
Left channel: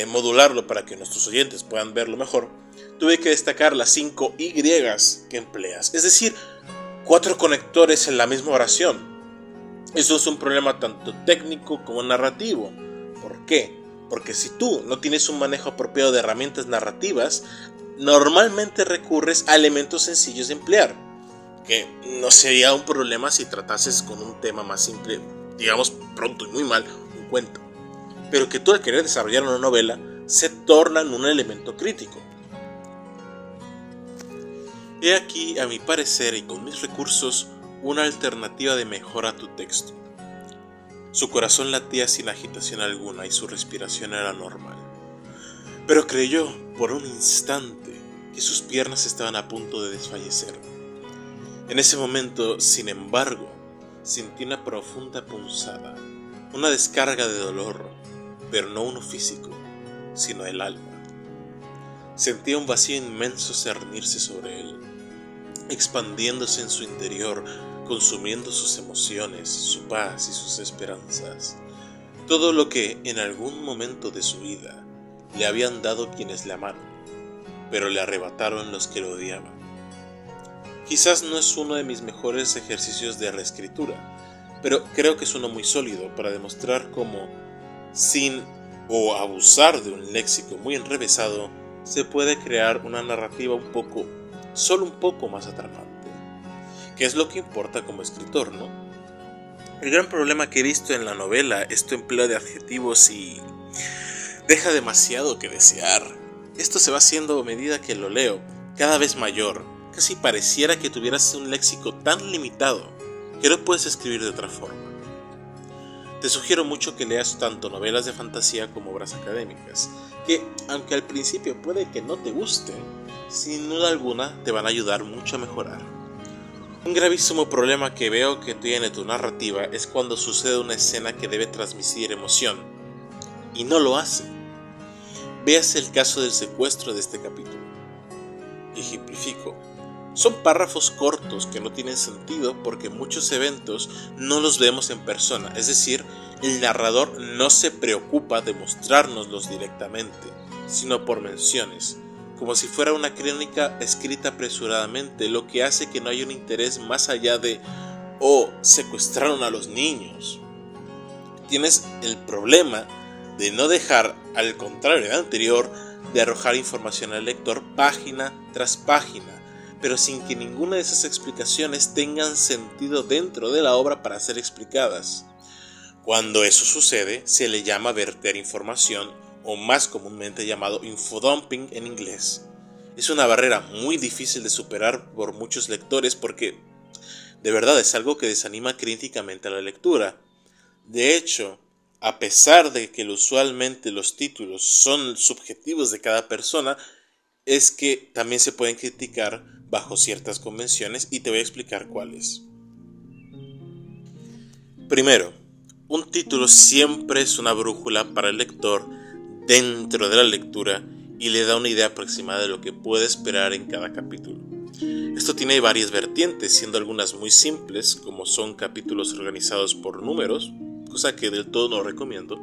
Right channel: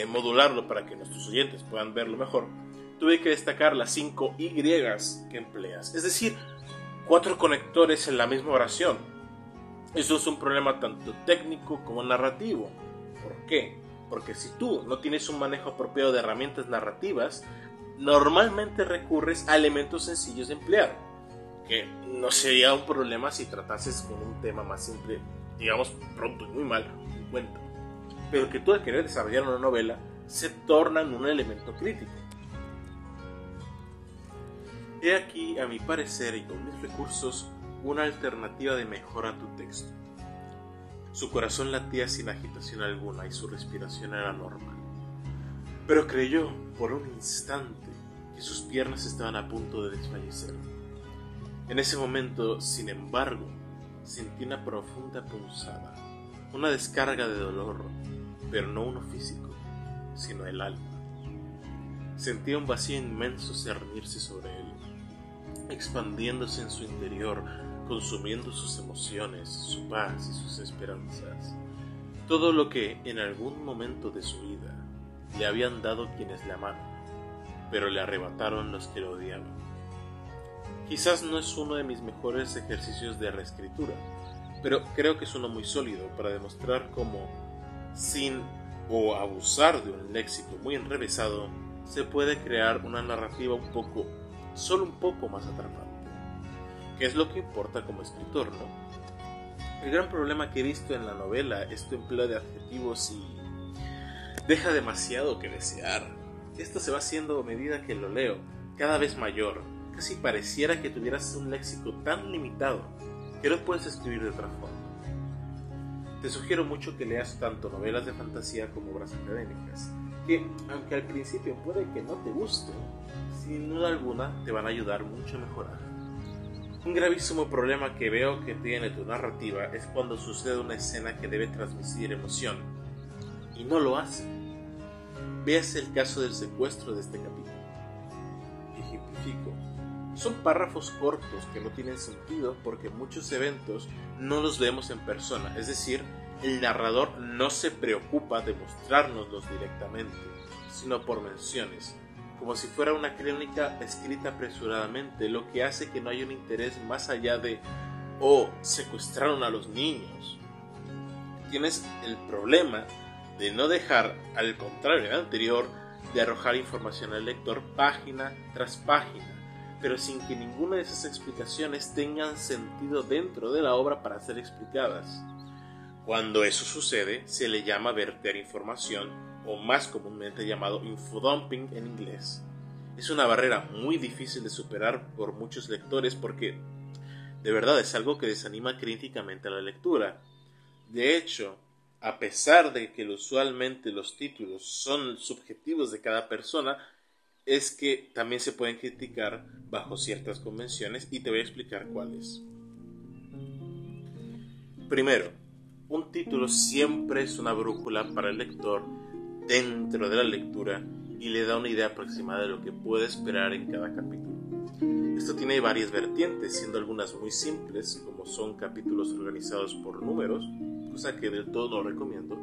modularlo para que nuestros oyentes puedan verlo mejor, tuve que destacar las 5 Y que empleas, es decir, 4 conectores en la misma oración. Eso es un problema tanto técnico como narrativo. ¿Por qué? Porque si tú no tienes un manejo apropiado de herramientas narrativas, normalmente recurres a elementos sencillos de emplear, que no sería un problema si tratases con un tema más simple, digamos pronto y muy mal, un cuento. Pero que tú al querer desarrollar una novela, se torna en un elemento crítico. He aquí, a mi parecer y con mis recursos, una alternativa de mejora a tu texto. Su corazón latía sin agitación alguna y su respiración era normal. Pero creyó, por un instante, que sus piernas estaban a punto de desfallecer. En ese momento, sin embargo, sentí una profunda punzada, una descarga de dolor, pero no uno físico, sino del alma. Sentía un vacío inmenso cernirse sobre él, expandiéndose en su interior, consumiendo sus emociones, su paz y sus esperanzas. Todo lo que en algún momento de su vida le habían dado quienes le amaron, pero le arrebataron los que lo odiaban. Quizás no es uno de mis mejores ejercicios de reescritura, pero creo que es uno muy sólido para demostrar cómo, sin o abusar de un léxico muy enrevesado, se puede crear una narrativa solo un poco más atrapante. Que es lo que importa como escritor, ¿no? El gran problema que he visto en la novela es tu empleo de adjetivos y deja demasiado que desear. Esto se va haciendo a medida que lo leo, cada vez mayor, casi pareciera que tuvieras un léxico tan limitado que no puedes escribir de otra forma. Te sugiero mucho que leas tanto novelas de fantasía como obras académicas, que aunque al principio puede que no te gusten, sin duda alguna te van a ayudar mucho a mejorar. Un gravísimo problema que veo que tiene tu narrativa es cuando sucede una escena que debe transmitir emoción, y no lo hace. Véase el caso del secuestro de este capítulo. Ejemplifico. Son párrafos cortos que no tienen sentido porque muchos eventos no los vemos en persona, es decir, el narrador no se preocupa de mostrárnoslos directamente, sino por menciones, como si fuera una crónica escrita apresuradamente, lo que hace que no haya un interés más allá de «oh, secuestraron a los niños». Tienes el problema de no dejar, al contrario del anterior, de arrojar información al lector página tras página, pero sin que ninguna de esas explicaciones tengan sentido dentro de la obra para ser explicadas. Cuando eso sucede, se le llama verter información, o más comúnmente llamado infodumping en inglés. Es una barrera muy difícil de superar por muchos lectores porque de verdad es algo que desanima críticamente a la lectura. De hecho, a pesar de que usualmente los títulos son subjetivos de cada persona, es que también se pueden criticar bajo ciertas convenciones y te voy a explicar cuáles. Primero, un título siempre es una brújula para el lector dentro de la lectura y le da una idea aproximada de lo que puede esperar en cada capítulo. Esto tiene varias vertientes, siendo algunas muy simples, como son capítulos organizados por números, cosa que del todo no recomiendo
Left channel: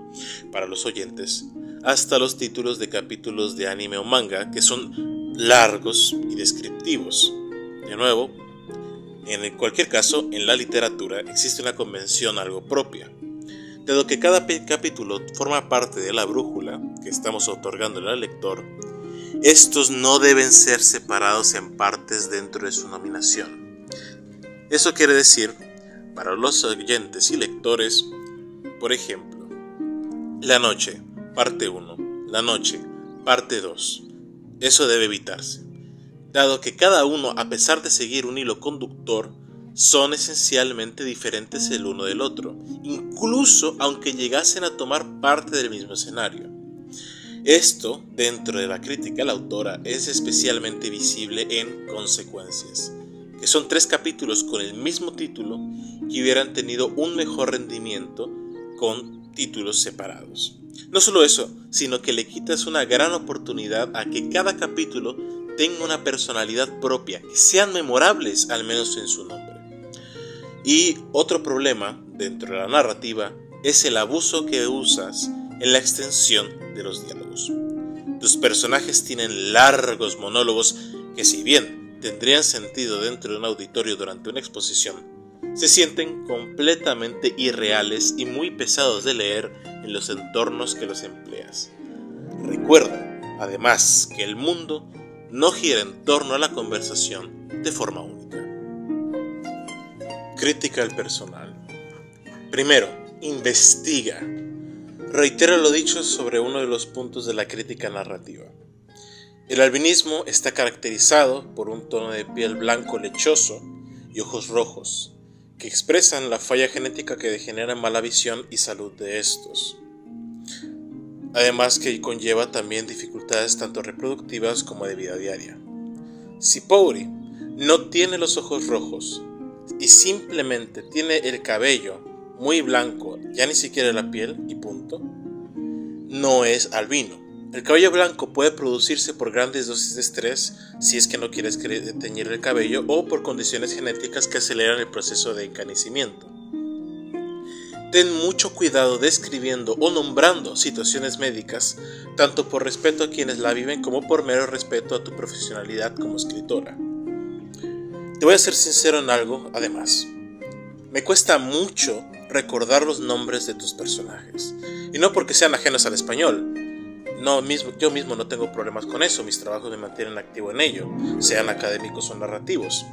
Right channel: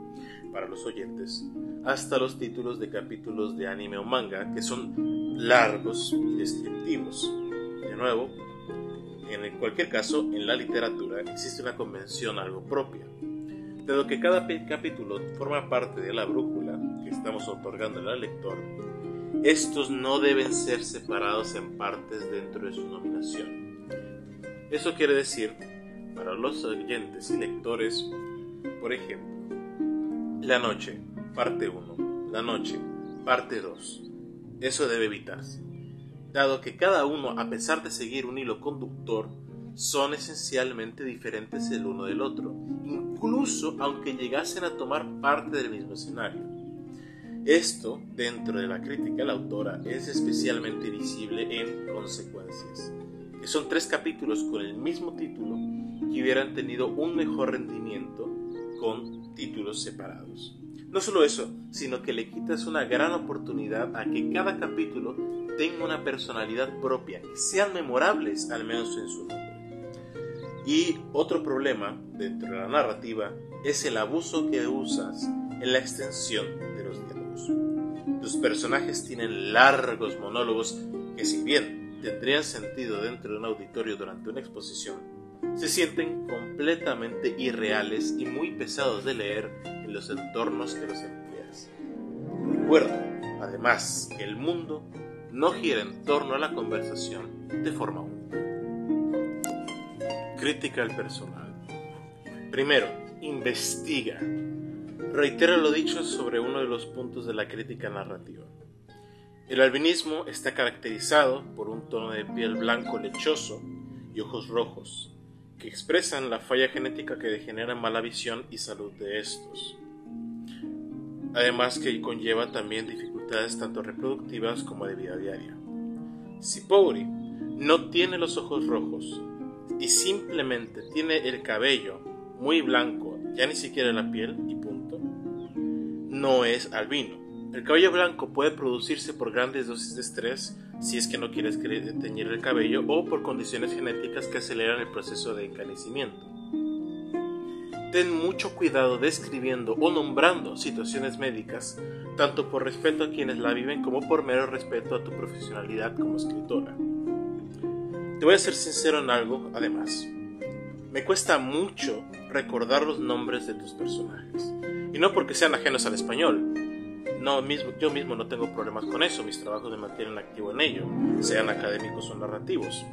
para los oyentes, hasta los títulos de capítulos de anime o manga, que son largos y descriptivos. De nuevo, en cualquier caso, en la literatura existe una convención algo propia. Dado que cada capítulo forma parte de la brújula que estamos otorgándole al lector, estos no deben ser separados en partes dentro de su nominación. Eso quiere decir, para los oyentes y lectores, por ejemplo, La Noche, parte 1, La Noche, parte 2. Eso debe evitarse, dado que cada uno, a pesar de seguir un hilo conductor, son esencialmente diferentes el uno del otro, incluso aunque llegasen a tomar parte del mismo escenario. Esto, dentro de la crítica a la autora, es especialmente visible en Consecuencias, que son 3 capítulos con el mismo título que hubieran tenido un mejor rendimiento con títulos separados. No solo eso, sino que le quitas una gran oportunidad a que cada capítulo tenga una personalidad propia, que sean memorables al menos en su nombre. Y otro problema dentro de la narrativa es el abuso que usas en la extensión de los diálogos. Tus personajes tienen largos monólogos que, si bien tendrían sentido dentro de un auditorio durante una exposición, se sienten completamente irreales y muy pesados de leer en los entornos que los empleas. Recuerda, además, que el mundo no gira en torno a la conversación de forma única. Crítica al personal. Primero, investiga. Reitero lo dicho sobre uno de los puntos de la crítica narrativa. El albinismo está caracterizado por un tono de piel blanco lechoso y ojos rojos, que expresan la falla genética que degenera mala visión y salud de estos. Además que conlleva también dificultades tanto reproductivas como de vida diaria. Si Pouri no tiene los ojos rojos y simplemente tiene el cabello muy blanco, ya ni siquiera la piel y punto, no es albino. El cabello blanco puede producirse por grandes dosis de estrés si es que no quieres teñir el cabello o por condiciones genéticas que aceleran el proceso de encanecimiento. Ten mucho cuidado describiendo o nombrando situaciones médicas, tanto por respeto a quienes la viven como por mero respeto a tu profesionalidad como escritora. Te voy a ser sincero en algo, además. Me cuesta mucho recordar los nombres de tus personajes, y no porque sean ajenos al español. Yo mismo no tengo problemas con eso, mis trabajos me mantienen activo en ello, sean académicos o narrativos,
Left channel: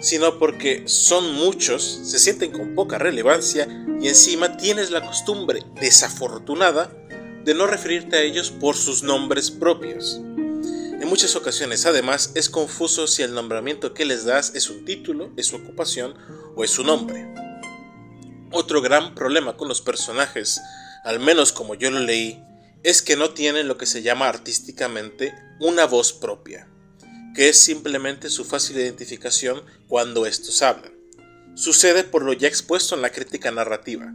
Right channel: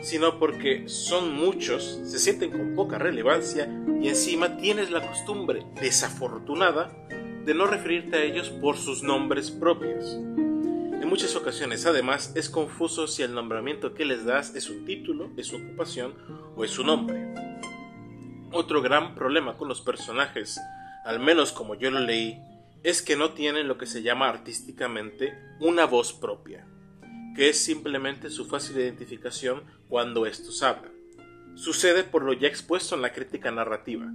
sino porque son muchos, se sienten con poca relevancia y encima tienes la costumbre desafortunada de no referirte a ellos por sus nombres propios. En muchas ocasiones, además, es confuso si el nombramiento que les das es un título, es su ocupación o es su nombre. Otro gran problema con los personajes, al menos como yo lo leí, es que no tienen lo que se llama artísticamente una voz propia, que es simplemente su fácil identificación cuando estos hablan. Sucede por lo ya expuesto en la crítica narrativa,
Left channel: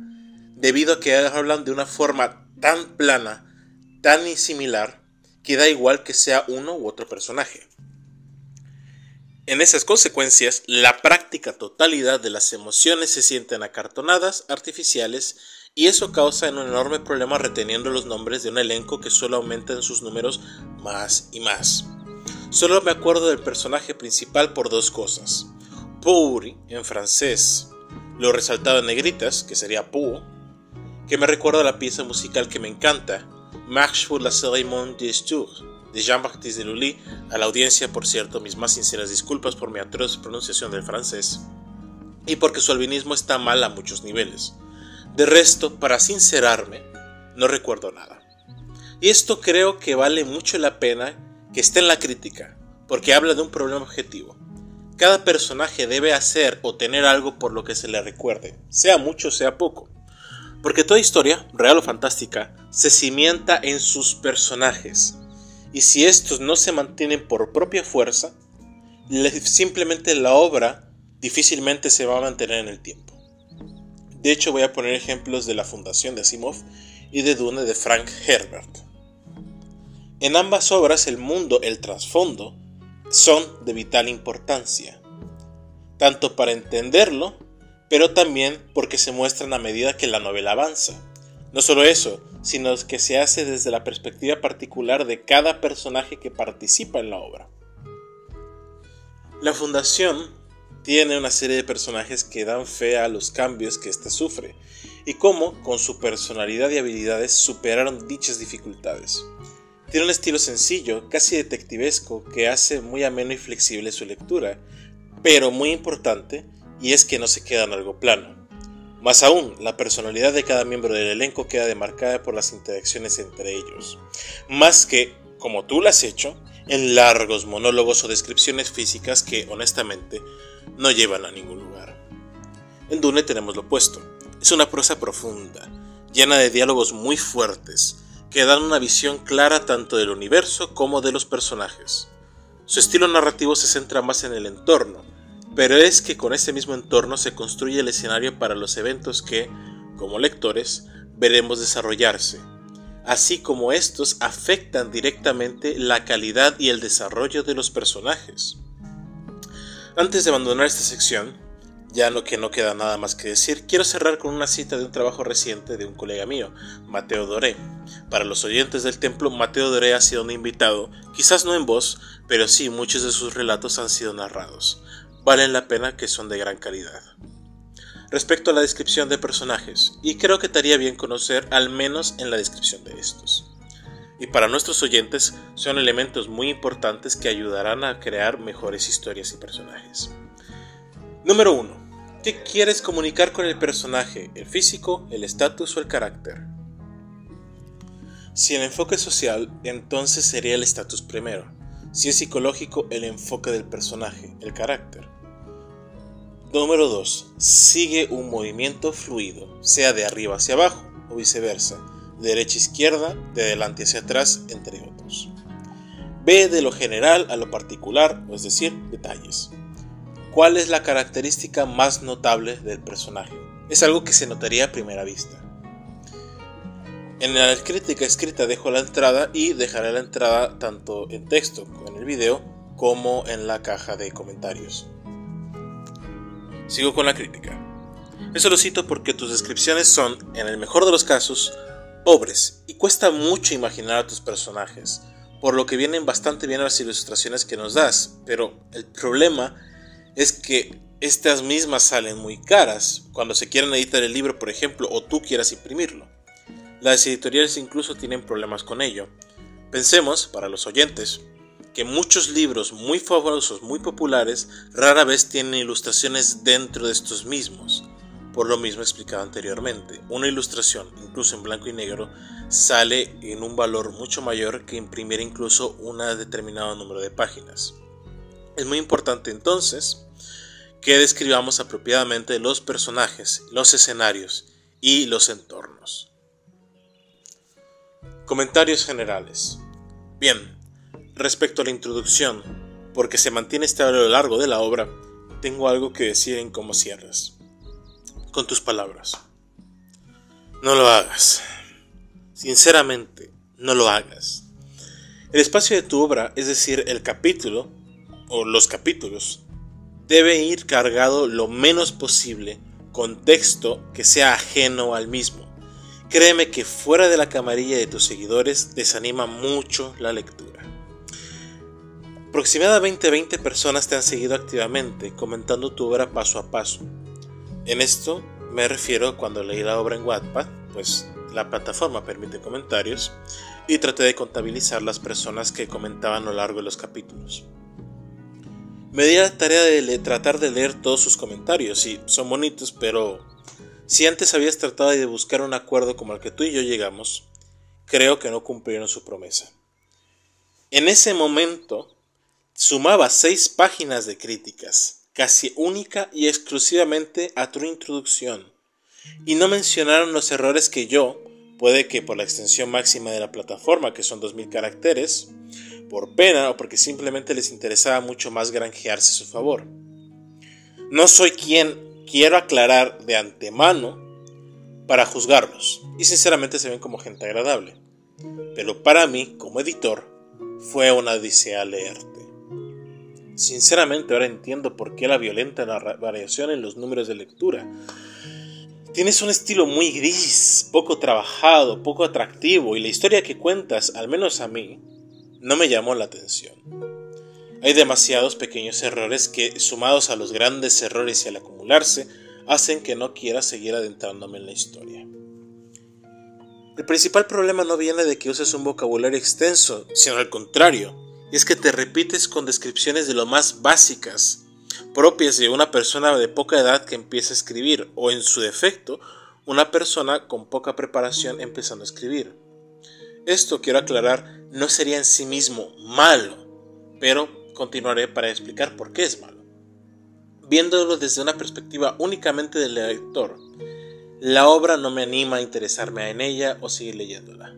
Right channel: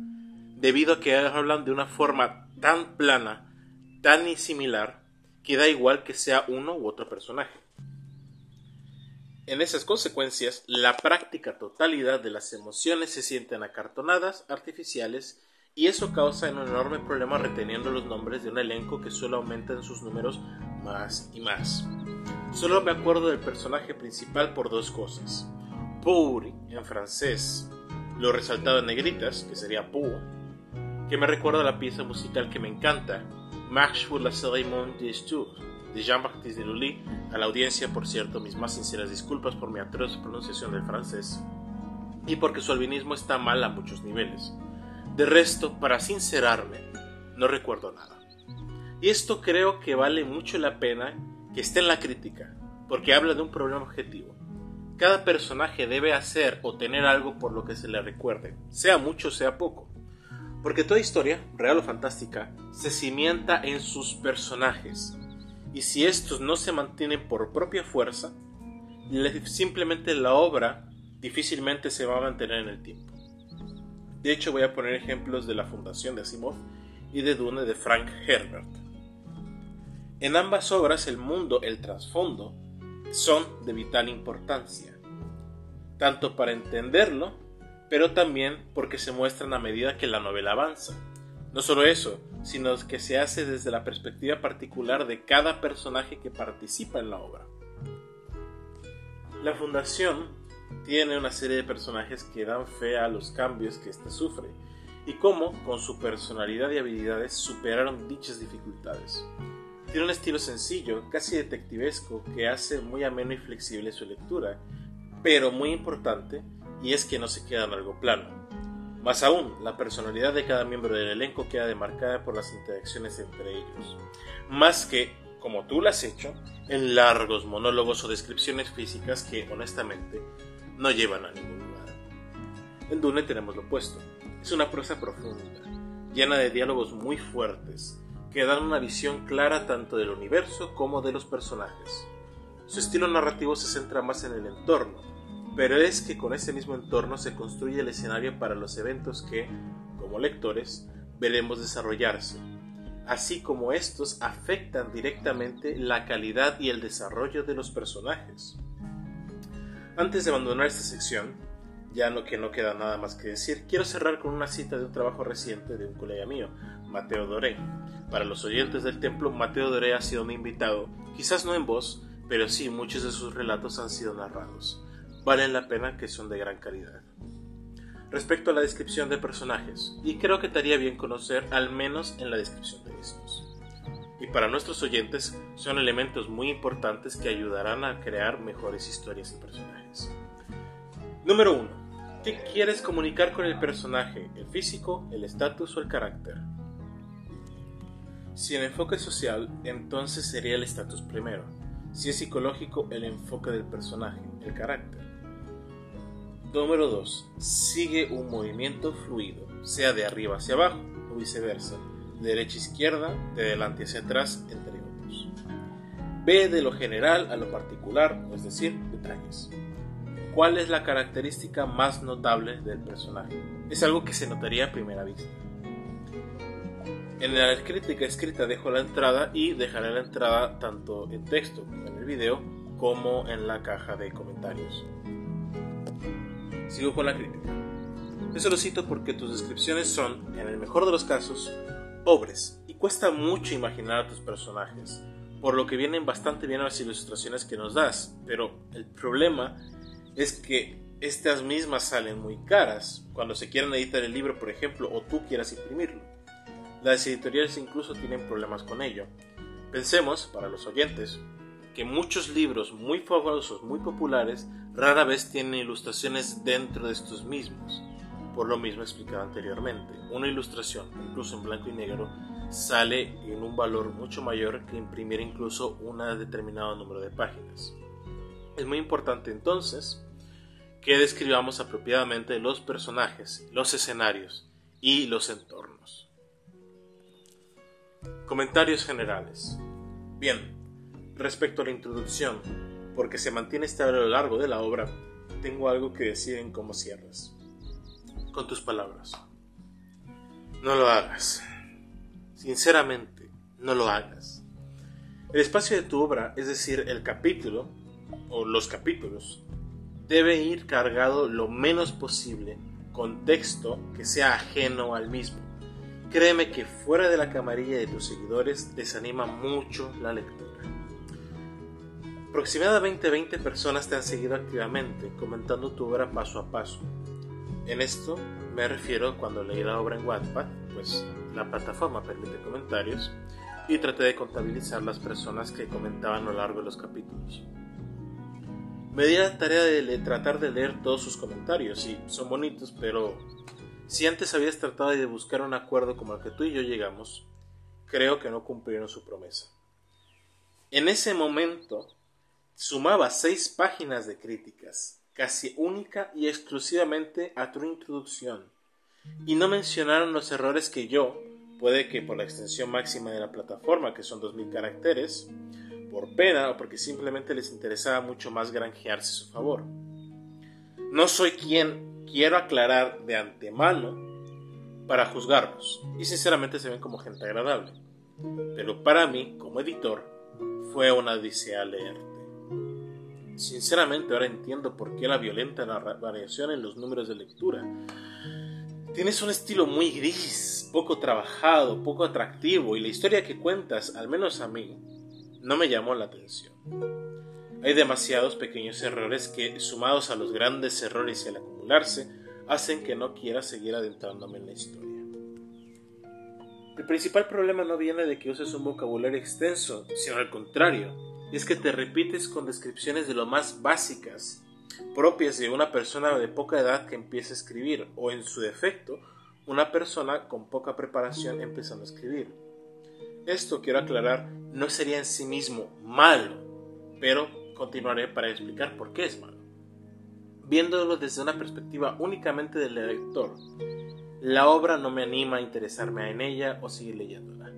debido a que hablan de una forma tan plana, tan similar, que da igual que sea uno u otro personaje. En esas consecuencias, la práctica totalidad de las emociones se sienten acartonadas, artificiales, y eso causa un enorme problema reteniendo los nombres de un elenco que solo aumenta en sus números más y más. Solo me acuerdo del personaje principal por dos cosas. Pour, en francés, lo resaltado en negritas, que sería Pour, que me recuerda a la pieza musical que me encanta, Marche pour la cérémonie des tours, de Jean-Baptiste Lully. A la audiencia, por cierto, mis más sinceras disculpas por mi atroz pronunciación del francés, y porque su albinismo está mal a muchos niveles. De resto, para sincerarme, no recuerdo nada. Y esto creo que vale mucho la pena que esté en la crítica, porque habla de un problema objetivo. Cada personaje debe hacer o tener algo por lo que se le recuerde, sea mucho o sea poco. Porque toda historia, real o fantástica, se cimienta en sus personajes. Y si estos no se mantienen por propia fuerza, simplemente la obra difícilmente se va a mantener en el tiempo. De hecho, voy a poner ejemplos de La Fundación de Asimov y de Dune de Frank Herbert. En ambas obras el mundo, el trasfondo, son de vital importancia, tanto para entenderlo, pero también porque se muestran a medida que la novela avanza. No solo eso, sino que se hace desde la perspectiva particular de cada personaje que participa en la obra. La Fundación tiene una serie de personajes que dan fe a los cambios que éste sufre, y cómo, con su personalidad y habilidades, superaron dichas dificultades. Tiene un estilo sencillo, casi detectivesco, que hace muy ameno y flexible su lectura, pero muy importante, y es que no se queda en algo plano. Más aún, la personalidad de cada miembro del elenco queda demarcada por las interacciones entre ellos, más que, como tú lo has hecho, en largos monólogos o descripciones físicas que, honestamente, no llevan a ningún lugar. En Dune tenemos lo opuesto. Es una prosa profunda, llena de diálogos muy fuertes, que dan una visión clara tanto del universo como de los personajes. Su estilo narrativo se centra más en el entorno, pero es que con ese mismo entorno se construye el escenario para los eventos que, como lectores, veremos desarrollarse, así como estos afectan directamente la calidad y el desarrollo de los personajes. Antes de abandonar esta sección, ya que no queda nada más que decir, quiero cerrar con una cita de un trabajo reciente de un colega mío, Mateo Doré. Para los oyentes del templo, Mateo Doré ha sido un invitado, quizás no en voz, pero sí muchos de sus relatos han sido narrados. Valen la pena, que son de gran calidad. Respecto a la descripción de personajes, y creo que estaría bien conocer al menos en la descripción de estos. Y para nuestros oyentes son elementos muy importantes que ayudarán a crear mejores historias y personajes. Número 1. ¿Qué quieres comunicar con el personaje? ¿El físico, el estatus o el carácter? Si el enfoque es social, entonces sería el estatus primero. Si es psicológico, el enfoque del personaje, el carácter. Número 2. Sigue un movimiento fluido, sea de arriba hacia abajo o viceversa, de derecha a izquierda, de delante hacia atrás, entre otros. Ve de lo general a lo particular, es decir, detalles. ¿Cuál es la característica más notable del personaje? Es algo que se notaría a primera vista. En la crítica escrita dejo la entrada y dejaré la entrada tanto en texto con el video como en la caja de comentarios. Sigo con la crítica. Eso lo cito porque tus descripciones son, en el mejor de los casos, pobres y cuesta mucho imaginar a tus personajes, por lo que vienen bastante bien las ilustraciones que nos das, pero el problema es que estas mismas salen muy caras cuando se quieren editar el libro, por ejemplo, o tú quieras imprimirlo. Las editoriales incluso tienen problemas con ello. Pensemos, para los oyentes, que muchos libros muy famosos, muy populares, rara vez tienen ilustraciones dentro de estos mismos. Por lo mismo explicado anteriormente, una ilustración, incluso en blanco y negro, sale en un valor mucho mayor que imprimir incluso un determinado número de páginas. Es muy importante entonces que describamos apropiadamente los personajes, los escenarios y los entornos. Comentarios generales. Bien, respecto a la introducción, porque se mantiene estable a lo largo de la obra, tengo algo que decir en cómo cierras. Con tus palabras. No lo hagas. Sinceramente, no lo hagas. El espacio de tu obra, es decir, el capítulo o los capítulos, debe ir cargado lo menos posible con texto que sea ajeno al mismo. Créeme que fuera de la camarilla de tus seguidores desanima mucho la lectura. Aproximadamente 20 personas te han seguido activamente comentando tu obra paso a paso. En esto me refiero cuando leí la obra en Wattpad, pues la plataforma permite comentarios, y traté de contabilizar las personas que comentaban a lo largo de los capítulos. Me di la tarea de tratar de leer todos sus comentarios y son bonitos, pero si antes habías tratado de buscar un acuerdo como el que tú y yo llegamos, creo que no cumplieron su promesa. En ese momento sumaba 6 páginas de críticas, casi única y exclusivamente a tu introducción, y no mencionaron los errores que yo, puede que por la extensión máxima de la plataforma, que son 2000 caracteres, por pena o porque simplemente les interesaba mucho más granjearse a su favor. No soy quien, quiero aclarar de antemano, para juzgarlos, y sinceramente se ven como gente agradable, pero para mí, como editor, fue una odisea leerte. Sinceramente ahora entiendo por qué la violenta variación en los números de lectura. Tienes un estilo muy gris, poco trabajado, poco atractivo, y la historia que cuentas, al menos a mí, no me llamó la atención. Hay demasiados pequeños errores que, sumados a los grandes errores y al acumularse, hacen que no quiera seguir adentrándome en la historia. El principal problema no viene de que uses un vocabulario extenso, sino al contrario, es que te repites con descripciones de lo más básicas, propias de una persona de poca edad que empieza a escribir, o en su defecto, una persona con poca preparación empezando a escribir. Esto, quiero aclarar, no sería en sí mismo malo, pero continuaré para explicar por qué es malo. Viéndolo desde una perspectiva únicamente del lector, la obra no me anima a interesarme en ella o seguir leyéndola.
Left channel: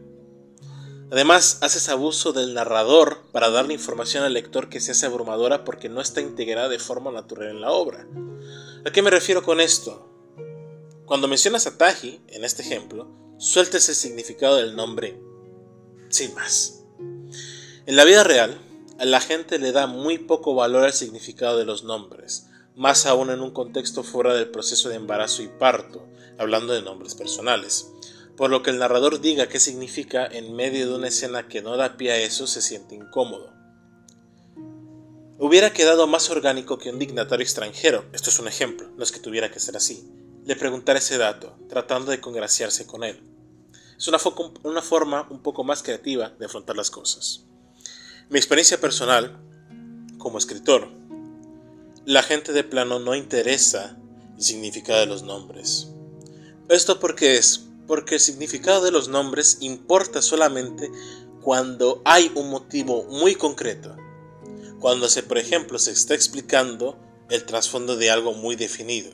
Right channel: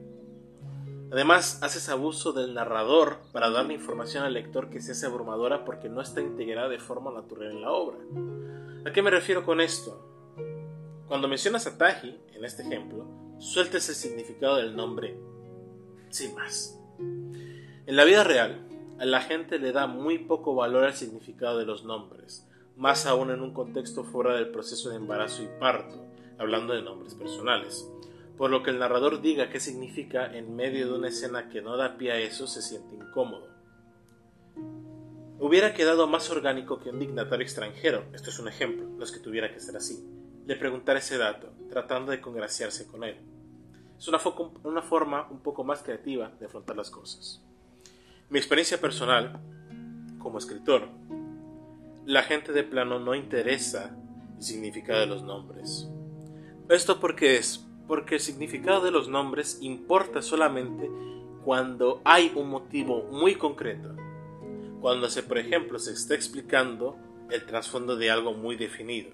Además, haces abuso del narrador para darle información al lector que se hace abrumadora porque no está integrada de forma natural en la obra. ¿A qué me refiero con esto? Cuando mencionas a Taji, en este ejemplo, sueltes el significado del nombre sin más. En la vida real, a la gente le da muy poco valor al significado de los nombres, más aún en un contexto fuera del proceso de embarazo y parto, hablando de nombres personales. Por lo que el narrador diga qué significa en medio de una escena que no da pie a eso se siente incómodo. Hubiera quedado más orgánico que un dignatario extranjero, esto es un ejemplo, no es que tuviera que ser así, le preguntara ese dato, tratando de congraciarse con él. Es una forma un poco más creativa de afrontar las cosas. Mi experiencia personal, como escritor, la gente de plano no interesa el significado de los nombres. Esto porque el significado de los nombres importa solamente cuando hay un motivo muy concreto. Cuando por ejemplo, se está explicando el trasfondo de algo muy definido.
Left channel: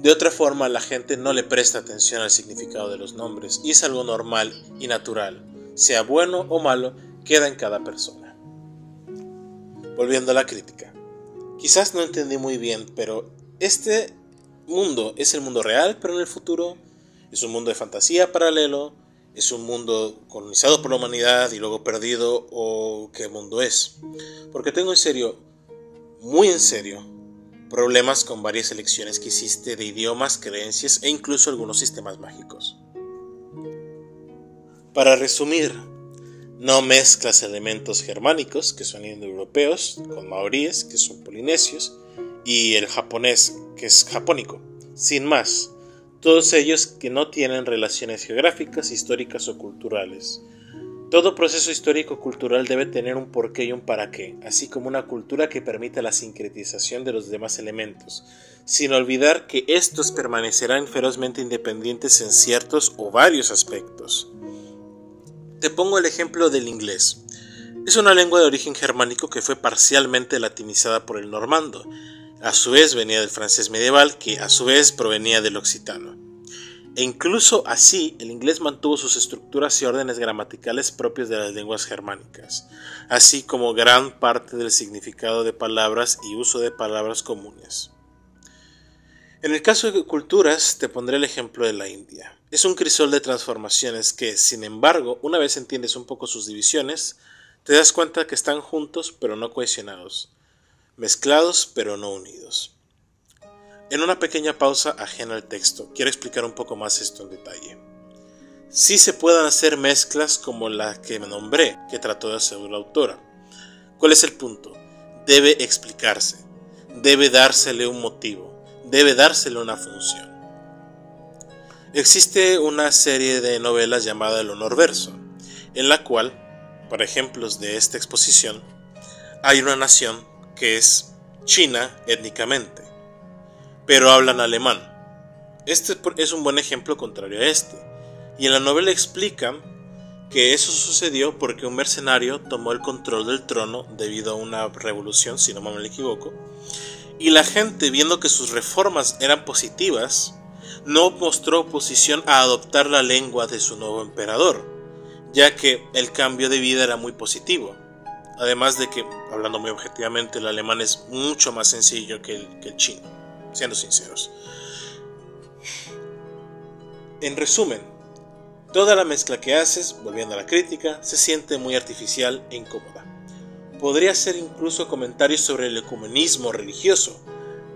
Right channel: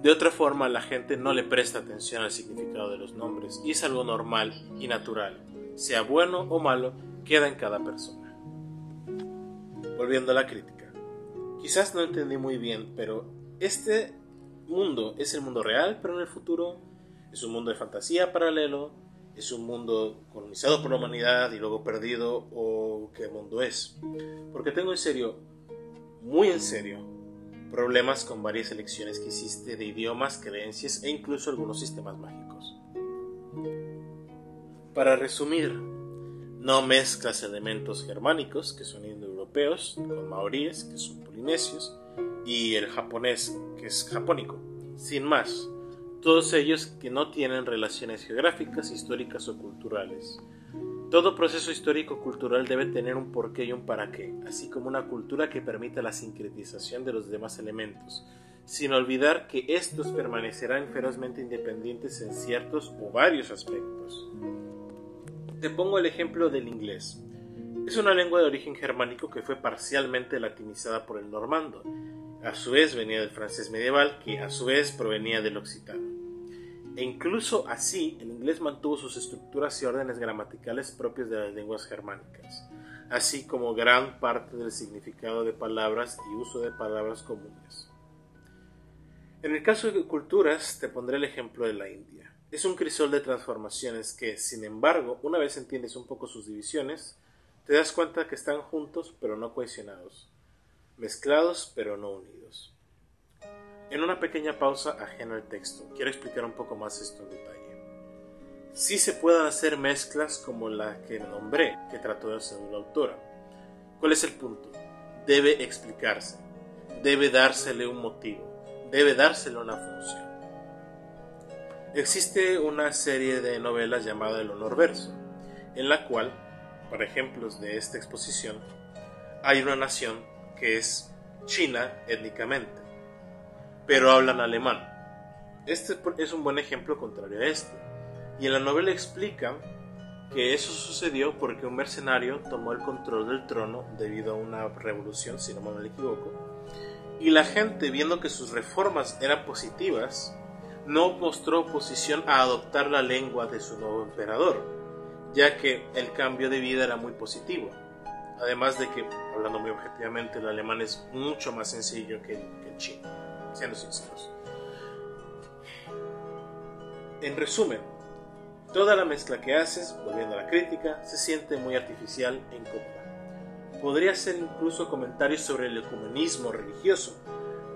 De otra forma, la gente no le presta atención al significado de los nombres y es algo normal y natural. Sea bueno o malo, queda en cada persona. Volviendo a la crítica. Quizás no entendí muy bien, pero este mundo es el mundo real, pero en el futuro es un mundo de fantasía paralelo, es un mundo colonizado por la humanidad y luego perdido, o qué mundo es. Porque tengo en serio, muy en serio, problemas con varias elecciones que hiciste de idiomas, creencias e incluso algunos sistemas mágicos. Para resumir, no mezclas elementos germánicos, que son indoeuropeos, con maoríes, que son polinesios, y el japonés, que es japónico. Sin más, todos ellos que no tienen relaciones geográficas, históricas o culturales. Todo proceso histórico-cultural debe tener un porqué y un para qué, así como una cultura que permita la sincretización de los demás elementos, sin olvidar que estos permanecerán ferozmente independientes en ciertos o varios aspectos. Te pongo el ejemplo del inglés. Es una lengua de origen germánico que fue parcialmente latinizada por el normando. A su vez venía del francés medieval, que a su vez provenía del occitano. E incluso así, el inglés mantuvo sus estructuras y órdenes gramaticales propios de las lenguas germánicas, así como gran parte del significado de palabras y uso de palabras comunes. En el caso de culturas, te pondré el ejemplo de la India. Es un crisol de transformaciones que, sin embargo, una vez entiendes un poco sus divisiones, te das cuenta que están juntos pero no cohesionados, mezclados pero no unidos. En una pequeña pausa ajena al texto, quiero explicar un poco más esto en detalle. Sí se pueden hacer mezclas como la que me nombré, que trató de hacer la autora. ¿Cuál es el punto? Debe explicarse, debe dársele un motivo, debe dársele una función. Existe una serie de novelas llamada El Honor Verso, en la cual, por ejemplos de esta exposición, hay una nación que es china étnicamente, pero hablan alemán. Este es un buen ejemplo contrario a este, y en la novela explican que eso sucedió porque un mercenario tomó el control del trono debido a una revolución, si no me equivoco, y la gente, viendo que sus reformas eran positivas, no mostró oposición a adoptar la lengua de su nuevo emperador, ya que el cambio de vida era muy positivo. Además de que, hablando muy objetivamente, el alemán es mucho más sencillo que el chino, siendo sinceros. En resumen, toda la mezcla que haces, volviendo a la crítica, se siente muy artificial e incómoda. Podría hacer incluso comentarios sobre el ecumenismo religioso,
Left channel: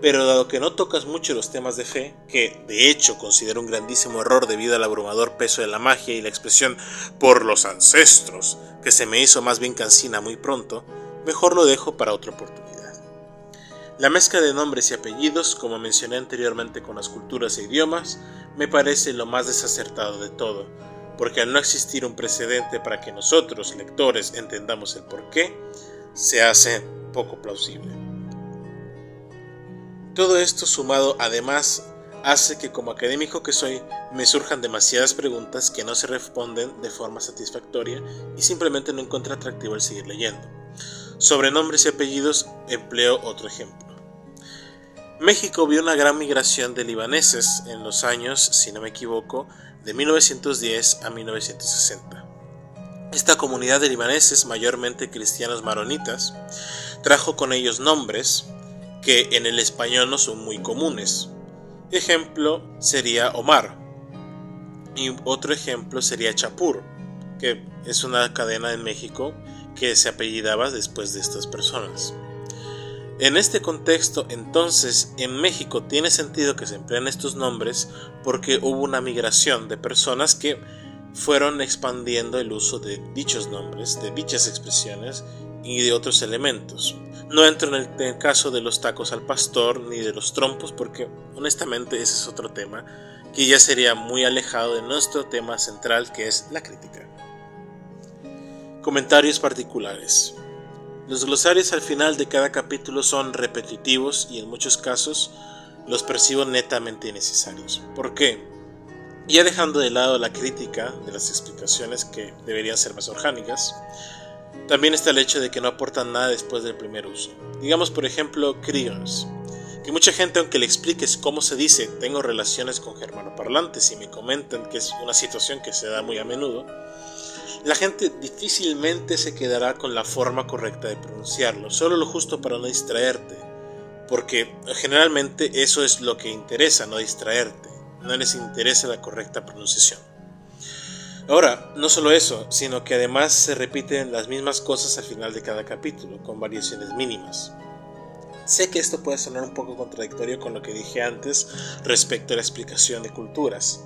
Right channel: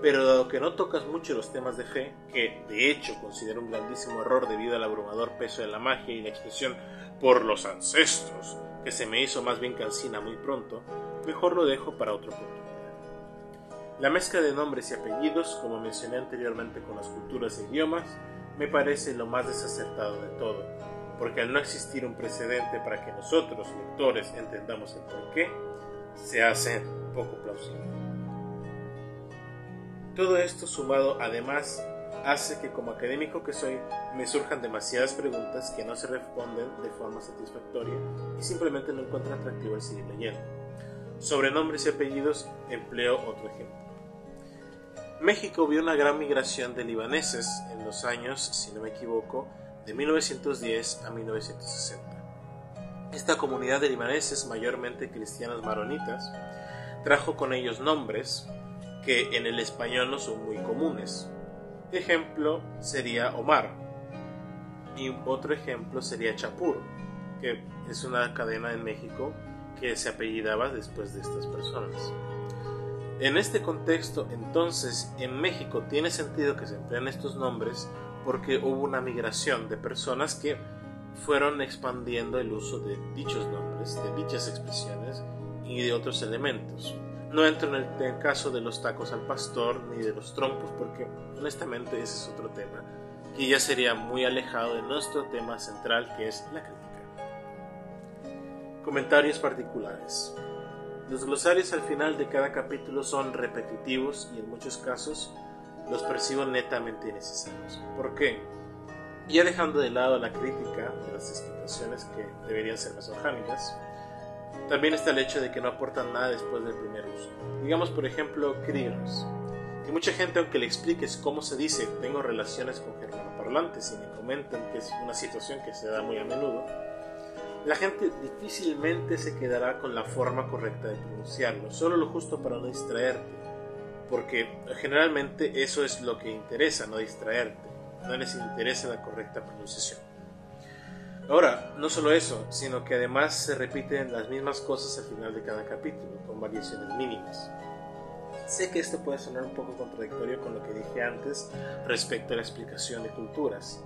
pero dado que no tocas mucho los temas de fe, que de hecho considero un grandísimo error debido al abrumador peso de la magia y la expresión por los ancestros, que se me hizo más bien cansina muy pronto, mejor lo dejo para otra oportunidad. La mezcla de nombres y apellidos, como mencioné anteriormente con las culturas e idiomas, me parece lo más desacertado de todo, porque al no existir un precedente para que nosotros, lectores, entendamos el porqué, se hace poco plausible. Todo esto sumado además hace que como académico que soy me surjan demasiadas preguntas que no se responden de forma satisfactoria y simplemente no encuentro atractivo el seguir leyendo. Sobre nombres y apellidos empleo otro ejemplo. México vio una gran migración de libaneses en los años, si no me equivoco, de 1910 a 1960. Esta comunidad de libaneses, mayormente cristianos maronitas, trajo con ellos nombres que en el español no son muy comunes. Ejemplo sería Omar, y otro ejemplo sería Chapur, que es una cadena en México que se apellidaba después de estas personas. En este contexto, entonces, en México tiene sentido que se empleen estos nombres porque hubo una migración de personas que fueron expandiendo el uso de dichos nombres, de dichas expresiones y de otros elementos. No entro en el caso de los tacos al pastor ni de los trompos porque honestamente ese es otro tema que ya sería muy alejado de nuestro tema central, que es la crítica. Comentarios particulares. Los glosarios al final de cada capítulo son repetitivos y en muchos casos los percibo netamente innecesarios. ¿Por qué? Ya dejando de lado la crítica de las explicaciones que deberían ser más orgánicas, también está el hecho de que no aportan nada después del primer uso. Digamos por ejemplo Kriegers, que mucha gente, aunque le expliques cómo se dice tengo relaciones con germanoparlantes y me comentan que es una situación que se da muy a menudo, la gente difícilmente se quedará con la forma correcta de pronunciarlo, solo lo justo para no distraerte, porque generalmente eso es lo que interesa, no distraerte, no les interesa la correcta pronunciación. Ahora, no solo eso, sino que además se repiten las mismas cosas al final de cada capítulo, con variaciones mínimas. Sé que esto puede sonar un poco contradictorio con lo que dije antes respecto a la explicación de culturas,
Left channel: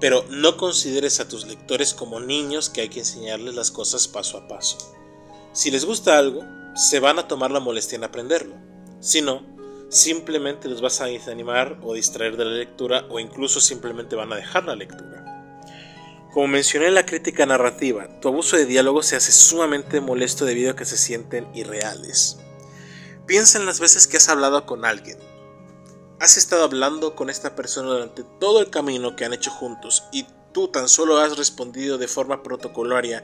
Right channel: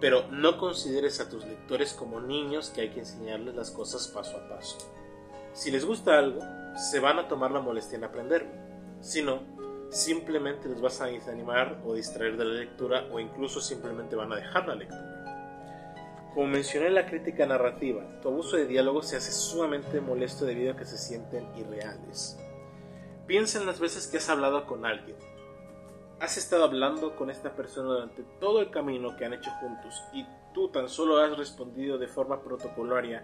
pero no consideres a tus lectores como niños que hay que enseñarles las cosas paso a paso. Si les gusta algo, se van a tomar la molestia en aprenderlo. Si no, simplemente los vas a desanimar o distraer de la lectura o incluso simplemente van a dejar la lectura. Como mencioné en la crítica narrativa, tu abuso de diálogo se hace sumamente molesto debido a que se sienten irreales. Piensa en las veces que has hablado con alguien has estado hablando con esta persona durante todo el camino que han hecho juntos y tú tan solo has respondido de forma protocolaria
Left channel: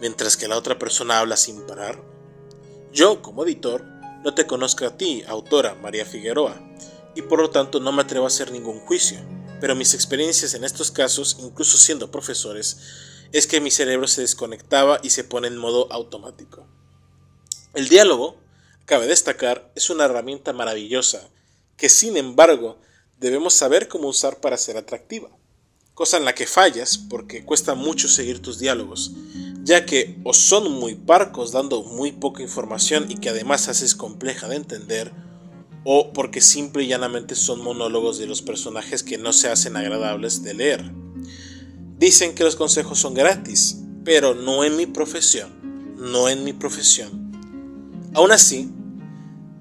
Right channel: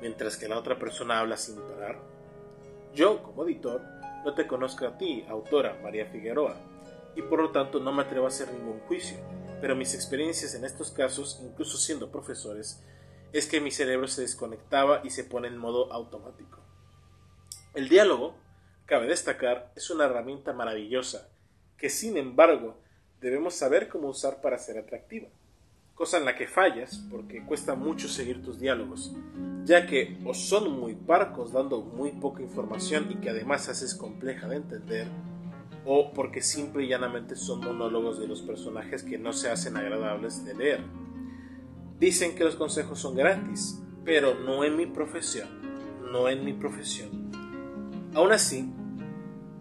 mientras que la otra persona habla sin parar? Yo, como editor, no te conozco a ti, autora María Figueroa, y por lo tanto no me atrevo a hacer ningún juicio, pero mis experiencias en estos casos, incluso siendo profesores, es que mi cerebro se desconectaba y se pone en modo automático. El diálogo, cabe destacar, es una herramienta maravillosa que sin embargo debemos saber cómo usar para ser atractiva, cosa en la que fallas porque cuesta mucho seguir tus diálogos, ya que o son muy parcos dando muy poca información y que además haces compleja de entender, o porque simple y llanamente son monólogos de los personajes que no se hacen agradables de leer. Dicen que los consejos son gratis, pero no en mi profesión, Aún así,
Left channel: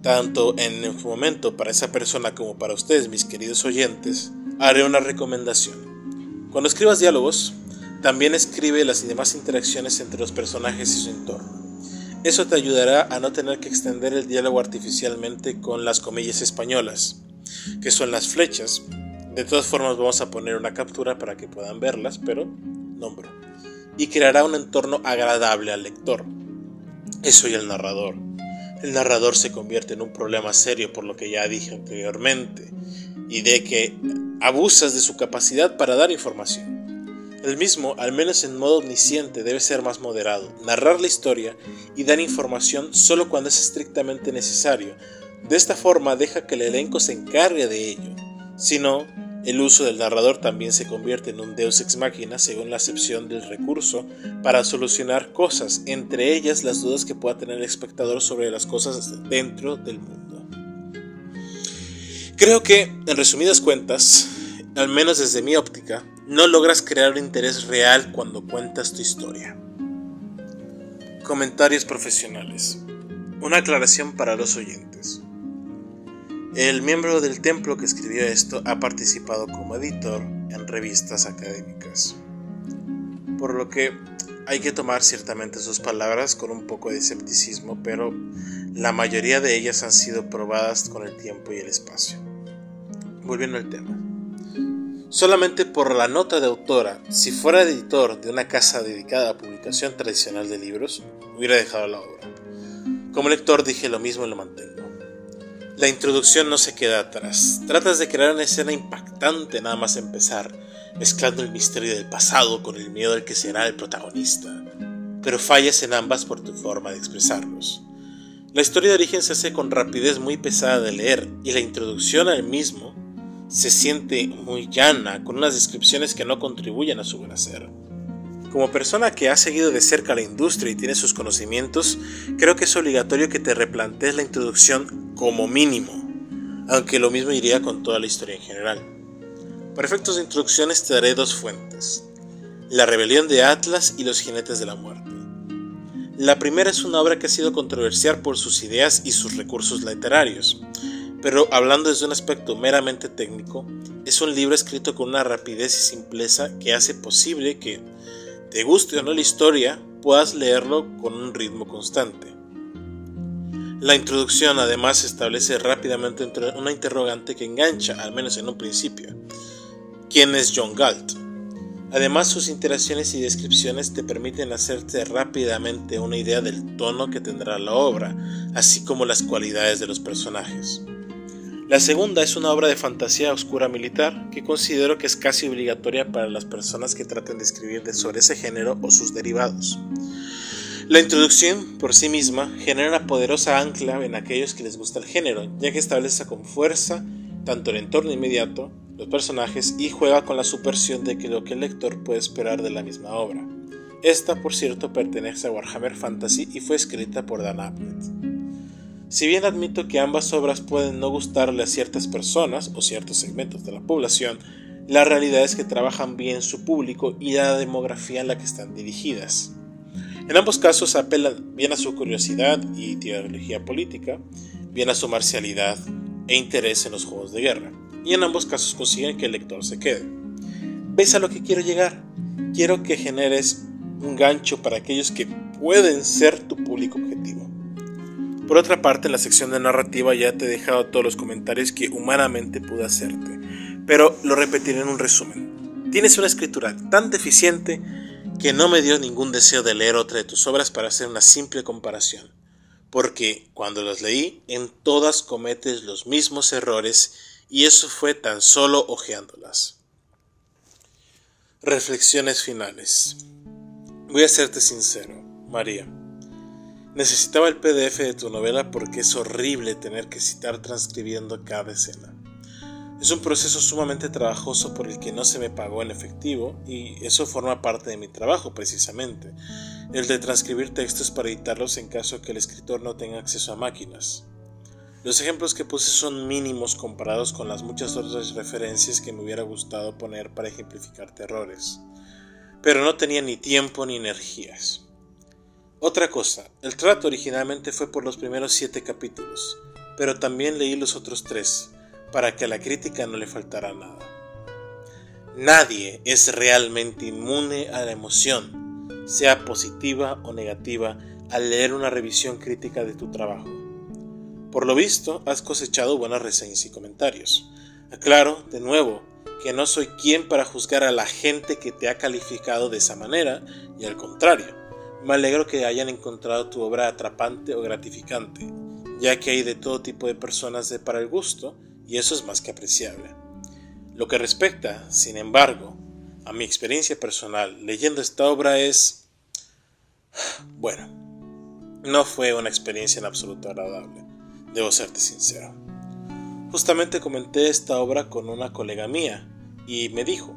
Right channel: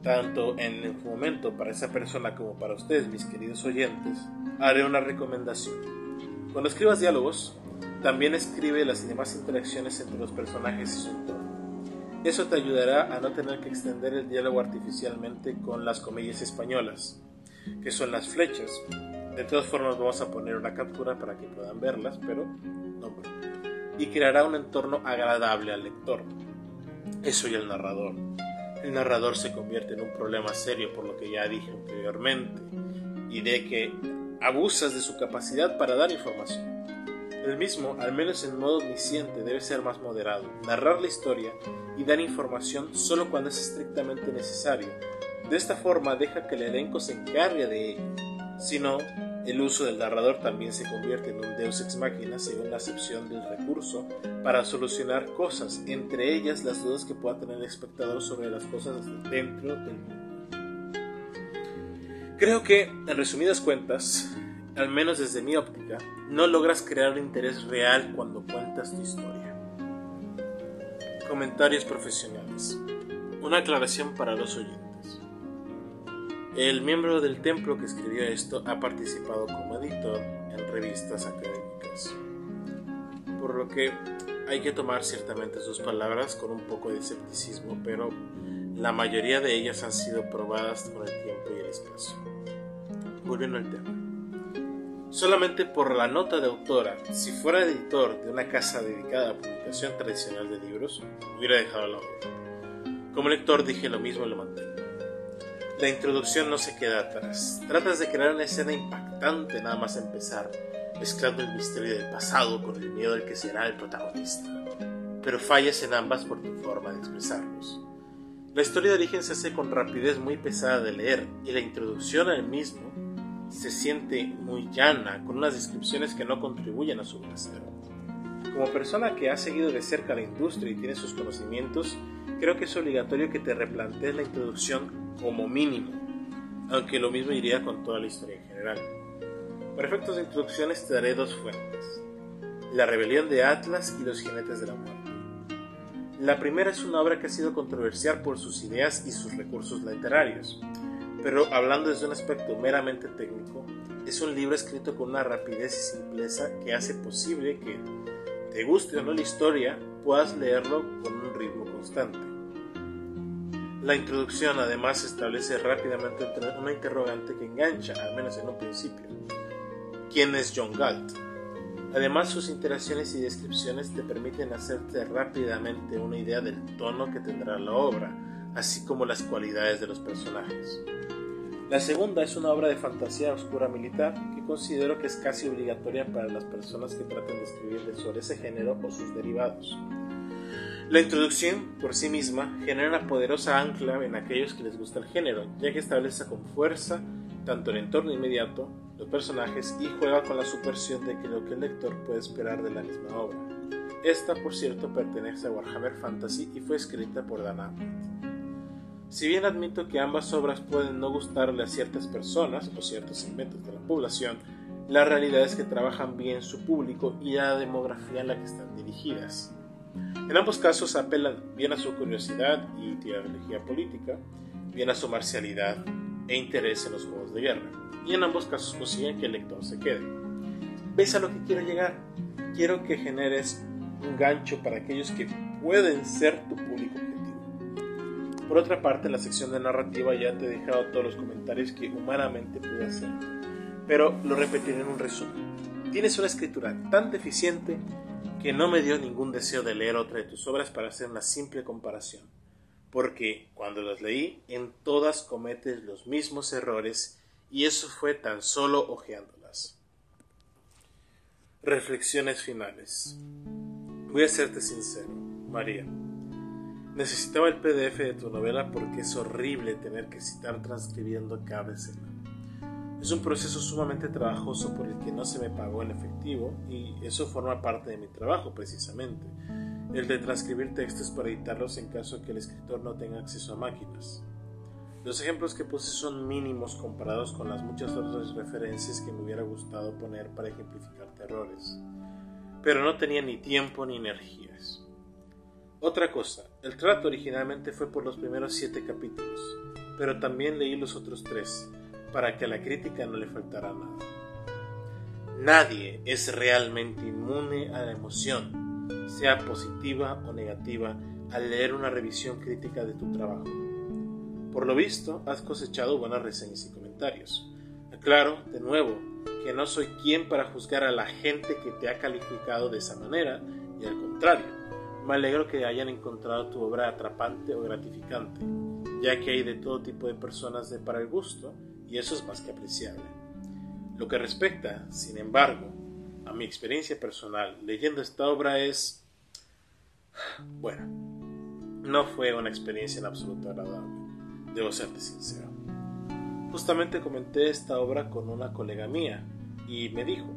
tanto en el momento para esa persona como para ustedes, mis queridos oyentes, haré una recomendación. Cuando escribas diálogos, también escribe las demás interacciones entre los personajes y su entorno. Eso te ayudará a no tener que extender el diálogo artificialmente con las comillas españolas, que son las flechas. De todas formas vamos a poner una captura para que puedan verlas, pero nombro. Y creará un entorno agradable al lector. Eso y el narrador. El narrador se convierte en un problema serio por lo que ya dije anteriormente, y de que abusas de su capacidad para dar información. El mismo, al menos en modo omnisciente, debe ser más moderado, narrar la historia y dar información solo cuando es estrictamente necesario. De esta forma deja que el elenco se encargue de ello. Si no, el uso del narrador también se convierte en un deus ex machina según la acepción del recurso para solucionar cosas, entre ellas las dudas que pueda tener el espectador sobre las cosas dentro del mundo. Creo que, en resumidas cuentas, al menos desde mi óptica, no logras crear un interés real cuando cuentas tu historia. Comentarios profesionales. Una aclaración para los oyentes. El miembro del templo que escribió esto ha participado como editor en revistas académicas, por lo que hay que tomar ciertamente sus palabras con un poco de escepticismo, pero la mayoría de ellas han sido probadas con el tiempo y el espacio. Volviendo al tema. Solamente por la nota de autora, si fuera editor de una casa dedicada a publicación tradicional de libros, hubiera dejado la obra. Como lector dije lo mismo y lo mantengo. La introducción no se queda atrás. Tratas de crear una escena impactante nada más empezar, mezclando el misterio del pasado con el miedo al que será el protagonista, pero fallas en ambas por tu forma de expresarlos. La historia de origen se hace con rapidez muy pesada de leer y la introducción al mismo se siente muy llana, con unas descripciones que no contribuyen a su buen hacer. Como persona que ha seguido de cerca la industria y tiene sus conocimientos, creo que es obligatorio que te replantees la introducción como mínimo, aunque lo mismo iría con toda la historia en general. Para efectos de introducciones te daré dos fuentes: La rebelión de Atlas y Los jinetes de la muerte. La primera es una obra que ha sido controversial por sus ideas y sus recursos literarios, pero hablando desde un aspecto meramente técnico, es un libro escrito con una rapidez y simpleza que hace posible que, te guste o no la historia, puedas leerlo con un ritmo constante. La introducción además establece rápidamente una interrogante que engancha, al menos en un principio. ¿Quién es John Galt? Además, sus interacciones y descripciones te permiten hacerte rápidamente una idea del tono que tendrá la obra, así como las cualidades de los personajes. La segunda es una obra de fantasía oscura militar que considero que es casi obligatoria para las personas que traten de escribir sobre ese género o sus derivados. La introducción, por sí misma, genera una poderosa ancla en aquellos que les gusta el género, ya que establece con fuerza tanto el entorno inmediato, los personajes, y juega con la subversión de lo que el lector puede esperar de la misma obra. Esta, por cierto, pertenece a Warhammer Fantasy y fue escrita por Dan Abnett. Si bien admito que ambas obras pueden no gustarle a ciertas personas o ciertos segmentos de la población, la realidad es que trabajan bien su público y la demografía en la que están dirigidas. En ambos casos apelan bien a su curiosidad y ideología política, bien a su marcialidad e interés en los juegos de guerra, y en ambos casos consiguen que el lector se quede. ¿Ves a lo que quiero llegar? Quiero que generes un gancho para aquellos que pueden ser tu público objetivo. Por otra parte, en la sección de narrativa ya te he dejado todos los comentarios que humanamente pude hacerte, pero lo repetiré en un resumen. Tienes una escritura tan deficiente que no me dio ningún deseo de leer otra de tus obras para hacer una simple comparación, porque cuando las leí, en todas cometes los mismos errores y eso fue tan solo hojeándolas. Reflexiones finales. Voy a serte sincero, María. Necesitaba el PDF de tu novela porque es horrible tener que citar transcribiendo cada escena. Es un proceso sumamente trabajoso por el que no se me pagó en efectivo y eso forma parte de mi trabajo precisamente, el de transcribir textos para editarlos en caso que el escritor no tenga acceso a máquinas. Los ejemplos que puse son mínimos comparados con las muchas otras referencias que me hubiera gustado poner para ejemplificar errores, pero no tenía ni tiempo ni energías. Otra cosa, el trato originalmente fue por los primeros 7 capítulos, pero también leí los otros 3, para que a la crítica no le faltara nada. Nadie es realmente inmune a la emoción, sea positiva o negativa, al leer una revisión crítica de tu trabajo. Por lo visto, has cosechado buenas reseñas y comentarios. Aclaro, de nuevo, que no soy quien para juzgar a la gente que te ha calificado de esa manera, y al contrario, me alegro que hayan encontrado tu obra atrapante o gratificante, ya que hay de todo tipo de personas para el gusto, y eso es más que apreciable. Lo que respecta, sin embargo, a mi experiencia personal leyendo esta obra es... bueno, no fue una experiencia en absoluto agradable, debo serte sincero. Justamente comenté esta obra con una colega mía, y me dijo,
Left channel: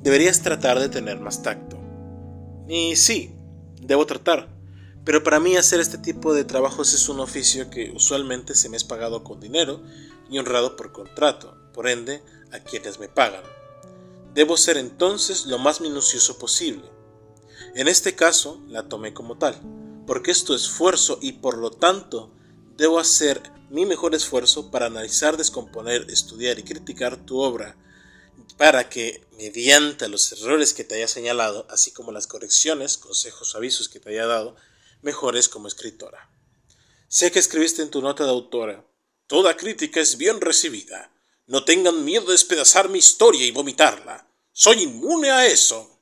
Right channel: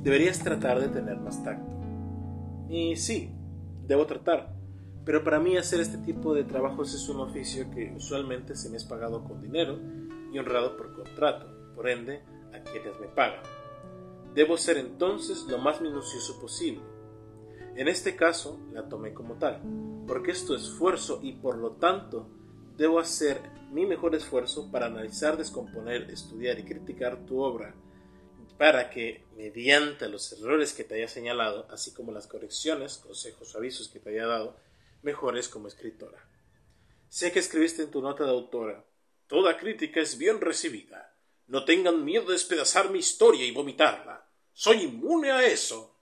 deberías tratar de tener más tacto. Y sí, debo tratar, pero para mí hacer este tipo de trabajos es un oficio que usualmente se me es pagado con dinero y honrado por contrato, por ende, a quienes me pagan. Debo ser entonces lo más minucioso posible. En este caso, la tomé como tal, porque es tu esfuerzo y por lo tanto, debo hacer mi mejor esfuerzo para analizar, descomponer, estudiar y criticar tu obra, para que, mediante los errores que te haya señalado, así como las correcciones, consejos o avisos que te haya dado, mejores como escritora. Sé que escribiste en tu nota de autora, toda crítica es bien recibida. No tengan miedo de despedazar mi historia y vomitarla. Soy inmune a eso.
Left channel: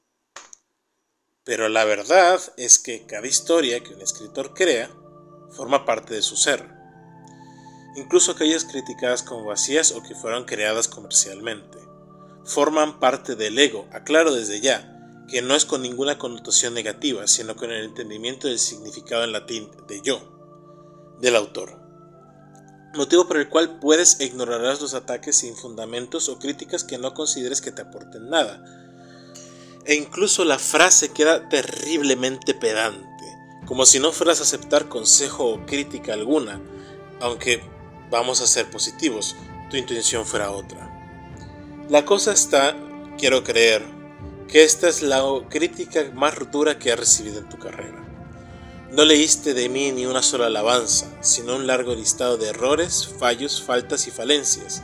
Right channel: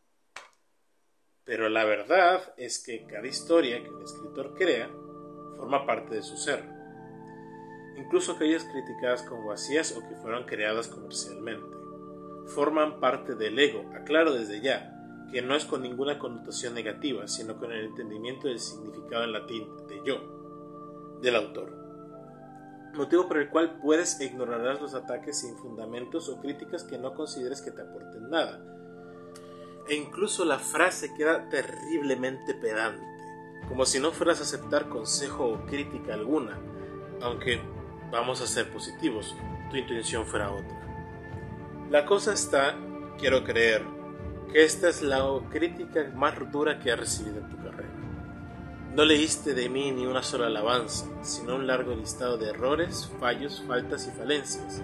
Pero la verdad es que cada historia que un escritor crea forma parte de su ser. Incluso aquellas criticadas como vacías o que fueron creadas comercialmente. Forman parte del ego, aclaro desde ya, que no es con ninguna connotación negativa, sino con el entendimiento del significado en latín de yo, del autor. Motivo por el cual puedes e ignorarás los ataques sin fundamentos o críticas que no consideres que te aporten nada. E incluso la frase queda terriblemente pedante, como si no fueras a aceptar consejo o crítica alguna, aunque, vamos a ser positivos, tu intención fuera otra. La cosa está, quiero creer, que esta es la crítica más dura que has recibido en tu carrera. No leíste de mí ni una sola alabanza, sino un largo listado de errores, fallos, faltas y falencias.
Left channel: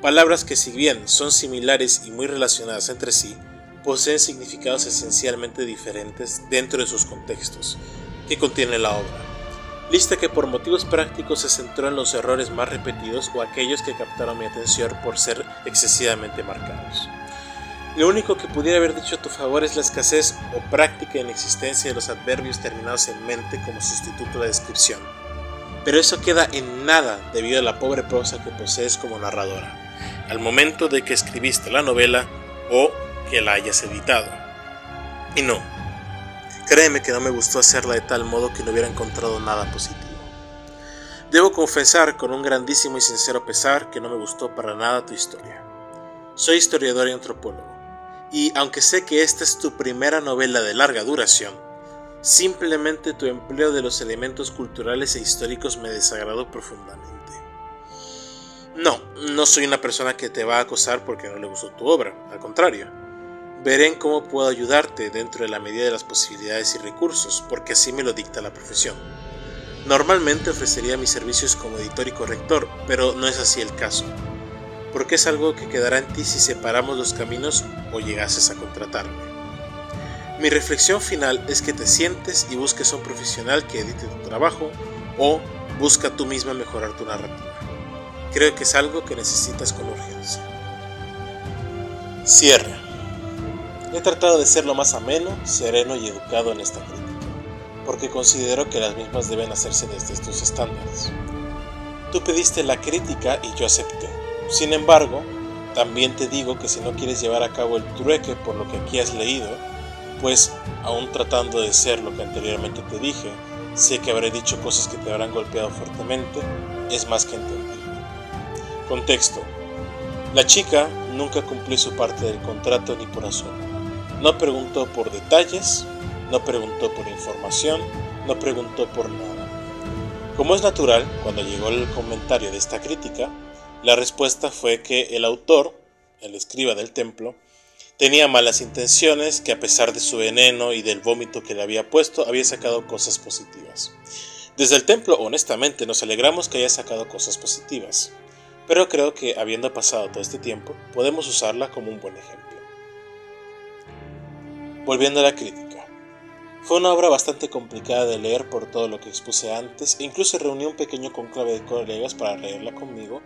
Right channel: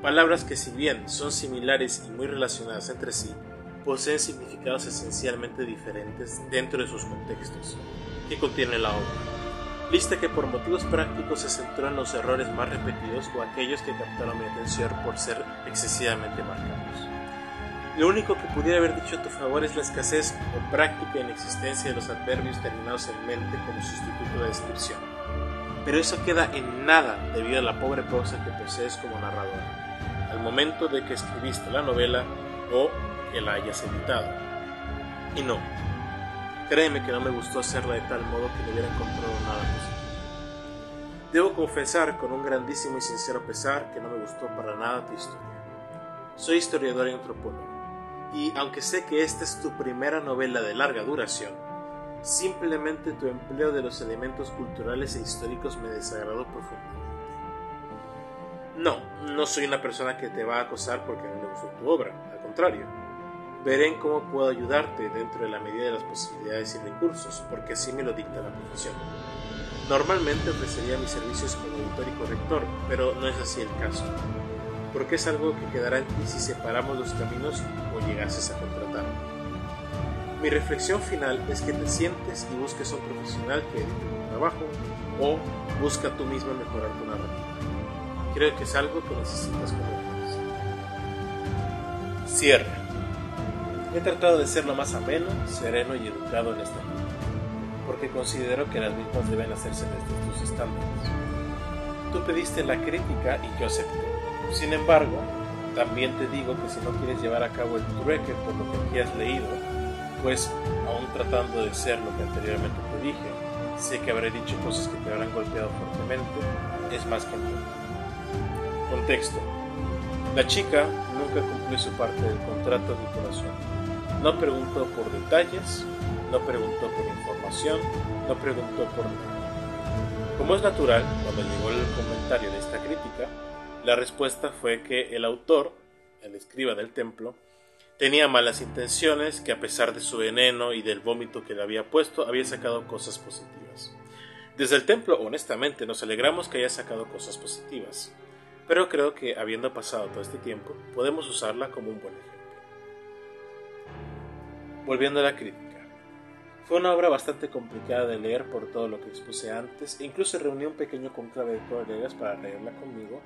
Palabras que si bien son similares y muy relacionadas entre sí, poseen significados esencialmente diferentes dentro de sus contextos que contiene la obra. Lista que por motivos prácticos se centró en los errores más repetidos o aquellos que captaron mi atención por ser excesivamente marcados. Lo único que pudiera haber dicho a tu favor es la escasez o práctica inexistencia de los adverbios terminados en mente como sustituto de la descripción. Pero eso queda en nada debido a la pobre prosa que posees como narradora, al momento de que escribiste la novela o que la hayas editado. Y no, créeme que no me gustó hacerla de tal modo que no hubiera encontrado nada positivo. Debo confesar con un grandísimo y sincero pesar que no me gustó para nada tu historia. Soy historiador y antropólogo, y aunque sé que esta es tu primera novela de larga duración, simplemente tu empleo de los elementos culturales e históricos me desagradó profundamente. No soy una persona que te va a acosar porque no le gustó tu obra, al contrario. Veré en cómo puedo ayudarte dentro de la medida de las posibilidades y recursos, porque así me lo dicta la profesión. Normalmente ofrecería mis servicios como editor y corrector, pero no es así el caso, porque es algo que quedará en ti si separamos los caminos o llegases a contratarme. Mi reflexión final es que te sientes y busques a un profesional que edite tu trabajo o Busca tú misma mejorar tu narrativa. Creo que es algo que necesitas con urgencia. Cierre. He tratado de ser lo más ameno, sereno y educado en esta crítica, porque considero que las mismas deben hacerse desde tus estándares. Tú pediste la crítica y yo acepté. Sin embargo, también te digo que si no quieres llevar a cabo el trueque por lo que aquí has leído, pues, aún tratando de ser lo que anteriormente te dije, sé que habré dicho cosas que te habrán golpeado fuertemente, es más que entendible. Contexto. La chica nunca cumplió su parte del contrato ni por asomo. No preguntó por detalles, no preguntó por información, no preguntó por nada. Como es natural, cuando llegó el comentario de esta crítica, la respuesta fue que el autor, el escriba del templo, tenía malas intenciones, que a pesar de su veneno y del vómito que le había puesto, había sacado cosas positivas. Desde el templo, honestamente, nos alegramos que haya sacado cosas positivas, pero creo que, habiendo pasado todo este tiempo, podemos usarla como un buen ejemplo. Volviendo a la crítica. Fue una obra bastante complicada de leer por todo lo que expuse antes, e incluso reuní un pequeño conclave de colegas para leerla conmigo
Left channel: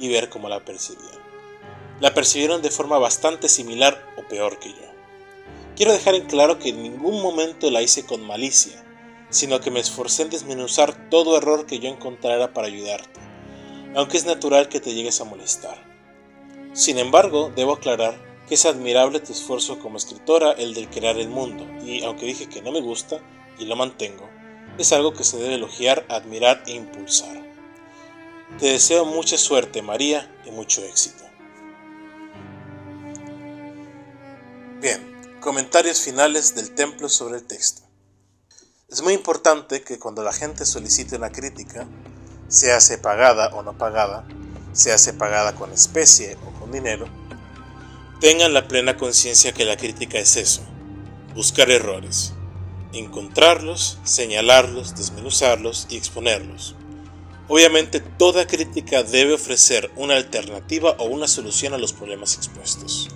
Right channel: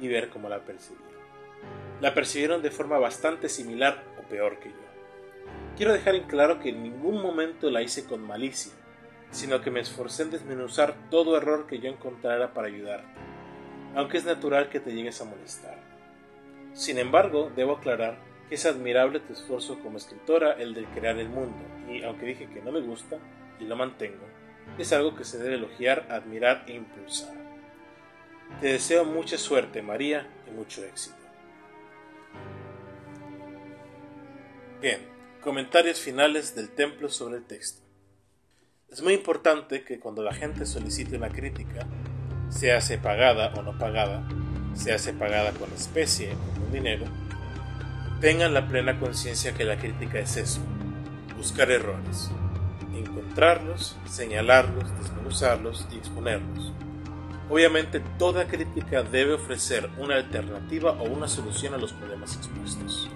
y ver cómo la percibían. La percibieron de forma bastante similar o peor que yo. Quiero dejar en claro que en ningún momento la hice con malicia, sino que me esforcé en desmenuzar todo error que yo encontrara para ayudarte, aunque es natural que te llegues a molestar. Sin embargo, debo aclarar que es admirable tu esfuerzo como escritora, el del crear el mundo, y aunque dije que no me gusta, y lo mantengo, es algo que se debe elogiar, admirar e impulsar. Te deseo mucha suerte, María, y mucho éxito. Bien, comentarios finales del templo sobre el texto. Es muy importante que cuando la gente solicite una crítica, se hace pagada o no pagada, se hace pagada con especie o con dinero, tengan la plena conciencia que la crítica es eso, buscar errores, encontrarlos, señalarlos, desmenuzarlos y exponerlos. Obviamente toda crítica debe ofrecer una alternativa o una solución a los problemas expuestos.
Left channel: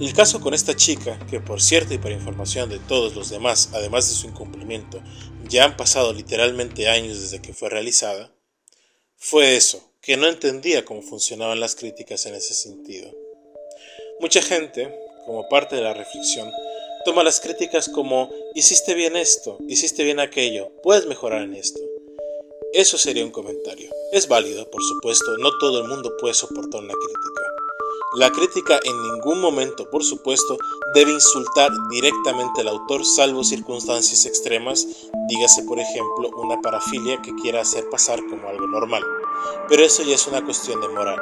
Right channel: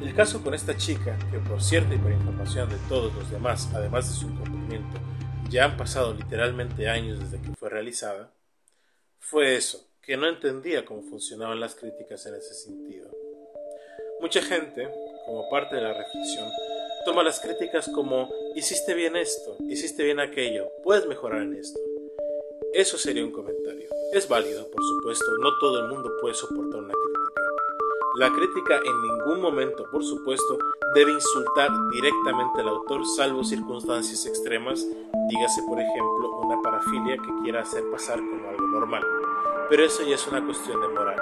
El caso con esta chica, que por cierto y por información de todos los demás, además de su incumplimiento, ya han pasado literalmente años desde que fue realizada, fue eso, que no entendía cómo funcionaban las críticas en ese sentido. Mucha gente, como parte de la reflexión, toma las críticas como hiciste bien esto, hiciste bien aquello, puedes mejorar en esto. Eso sería un comentario. Es válido, por supuesto, no todo el mundo puede soportar una crítica. La crítica en ningún momento, por supuesto, debe insultar directamente al autor, salvo circunstancias extremas, dígase por ejemplo una parafilia que quiera hacer pasar como algo normal, pero eso ya es una cuestión de moral.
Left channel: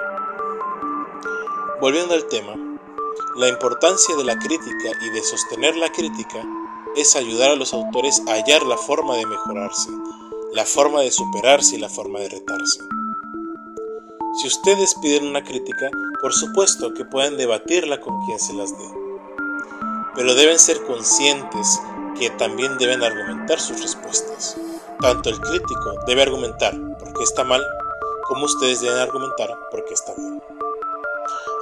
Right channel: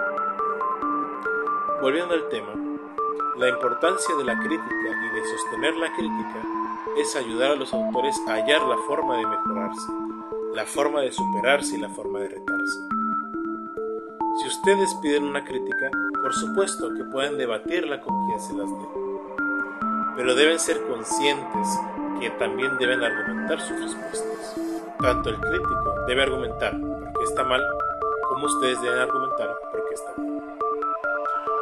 Volviendo al tema, la importancia de la crítica y de sostener la crítica es ayudar a los autores a hallar la forma de mejorarse, la forma de superarse y la forma de retarse. Si ustedes piden una crítica, por supuesto que pueden debatirla con quien se las dé, pero deben ser conscientes que también deben argumentar sus respuestas. Tanto el crítico debe argumentar por qué está mal, como ustedes deben argumentar por qué está bien.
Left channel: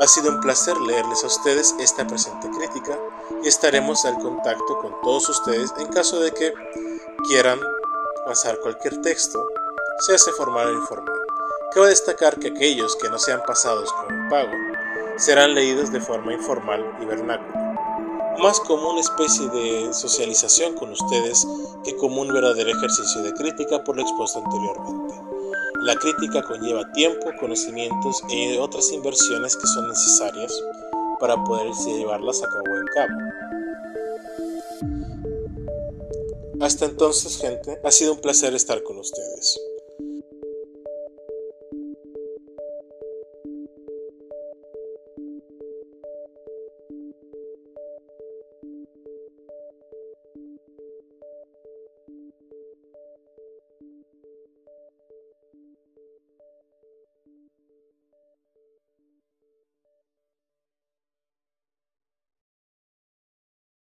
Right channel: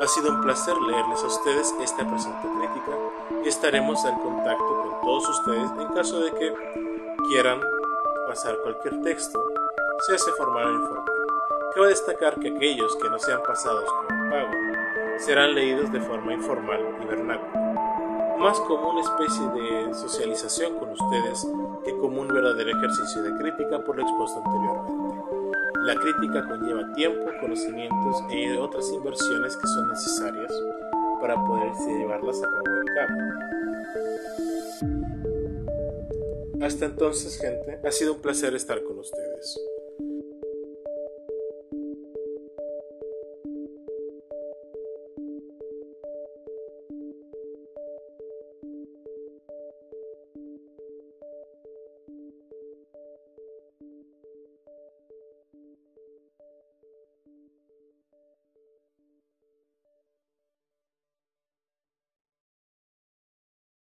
Ha sido un placer leerles a ustedes esta presente crítica y estaremos al contacto con todos ustedes en caso de que quieran pasar cualquier texto, se hace formal o informal. Cabe destacar que aquellos que no sean pasados con pago serán leídos de forma informal y vernácula, más como una especie de socialización con ustedes que como un verdadero ejercicio de crítica por lo expuesto anteriormente. La crítica conlleva tiempo, conocimientos e otras inversiones que son necesarias para poder llevarlas a cabo. Hasta entonces, gente, ha sido un placer estar con ustedes.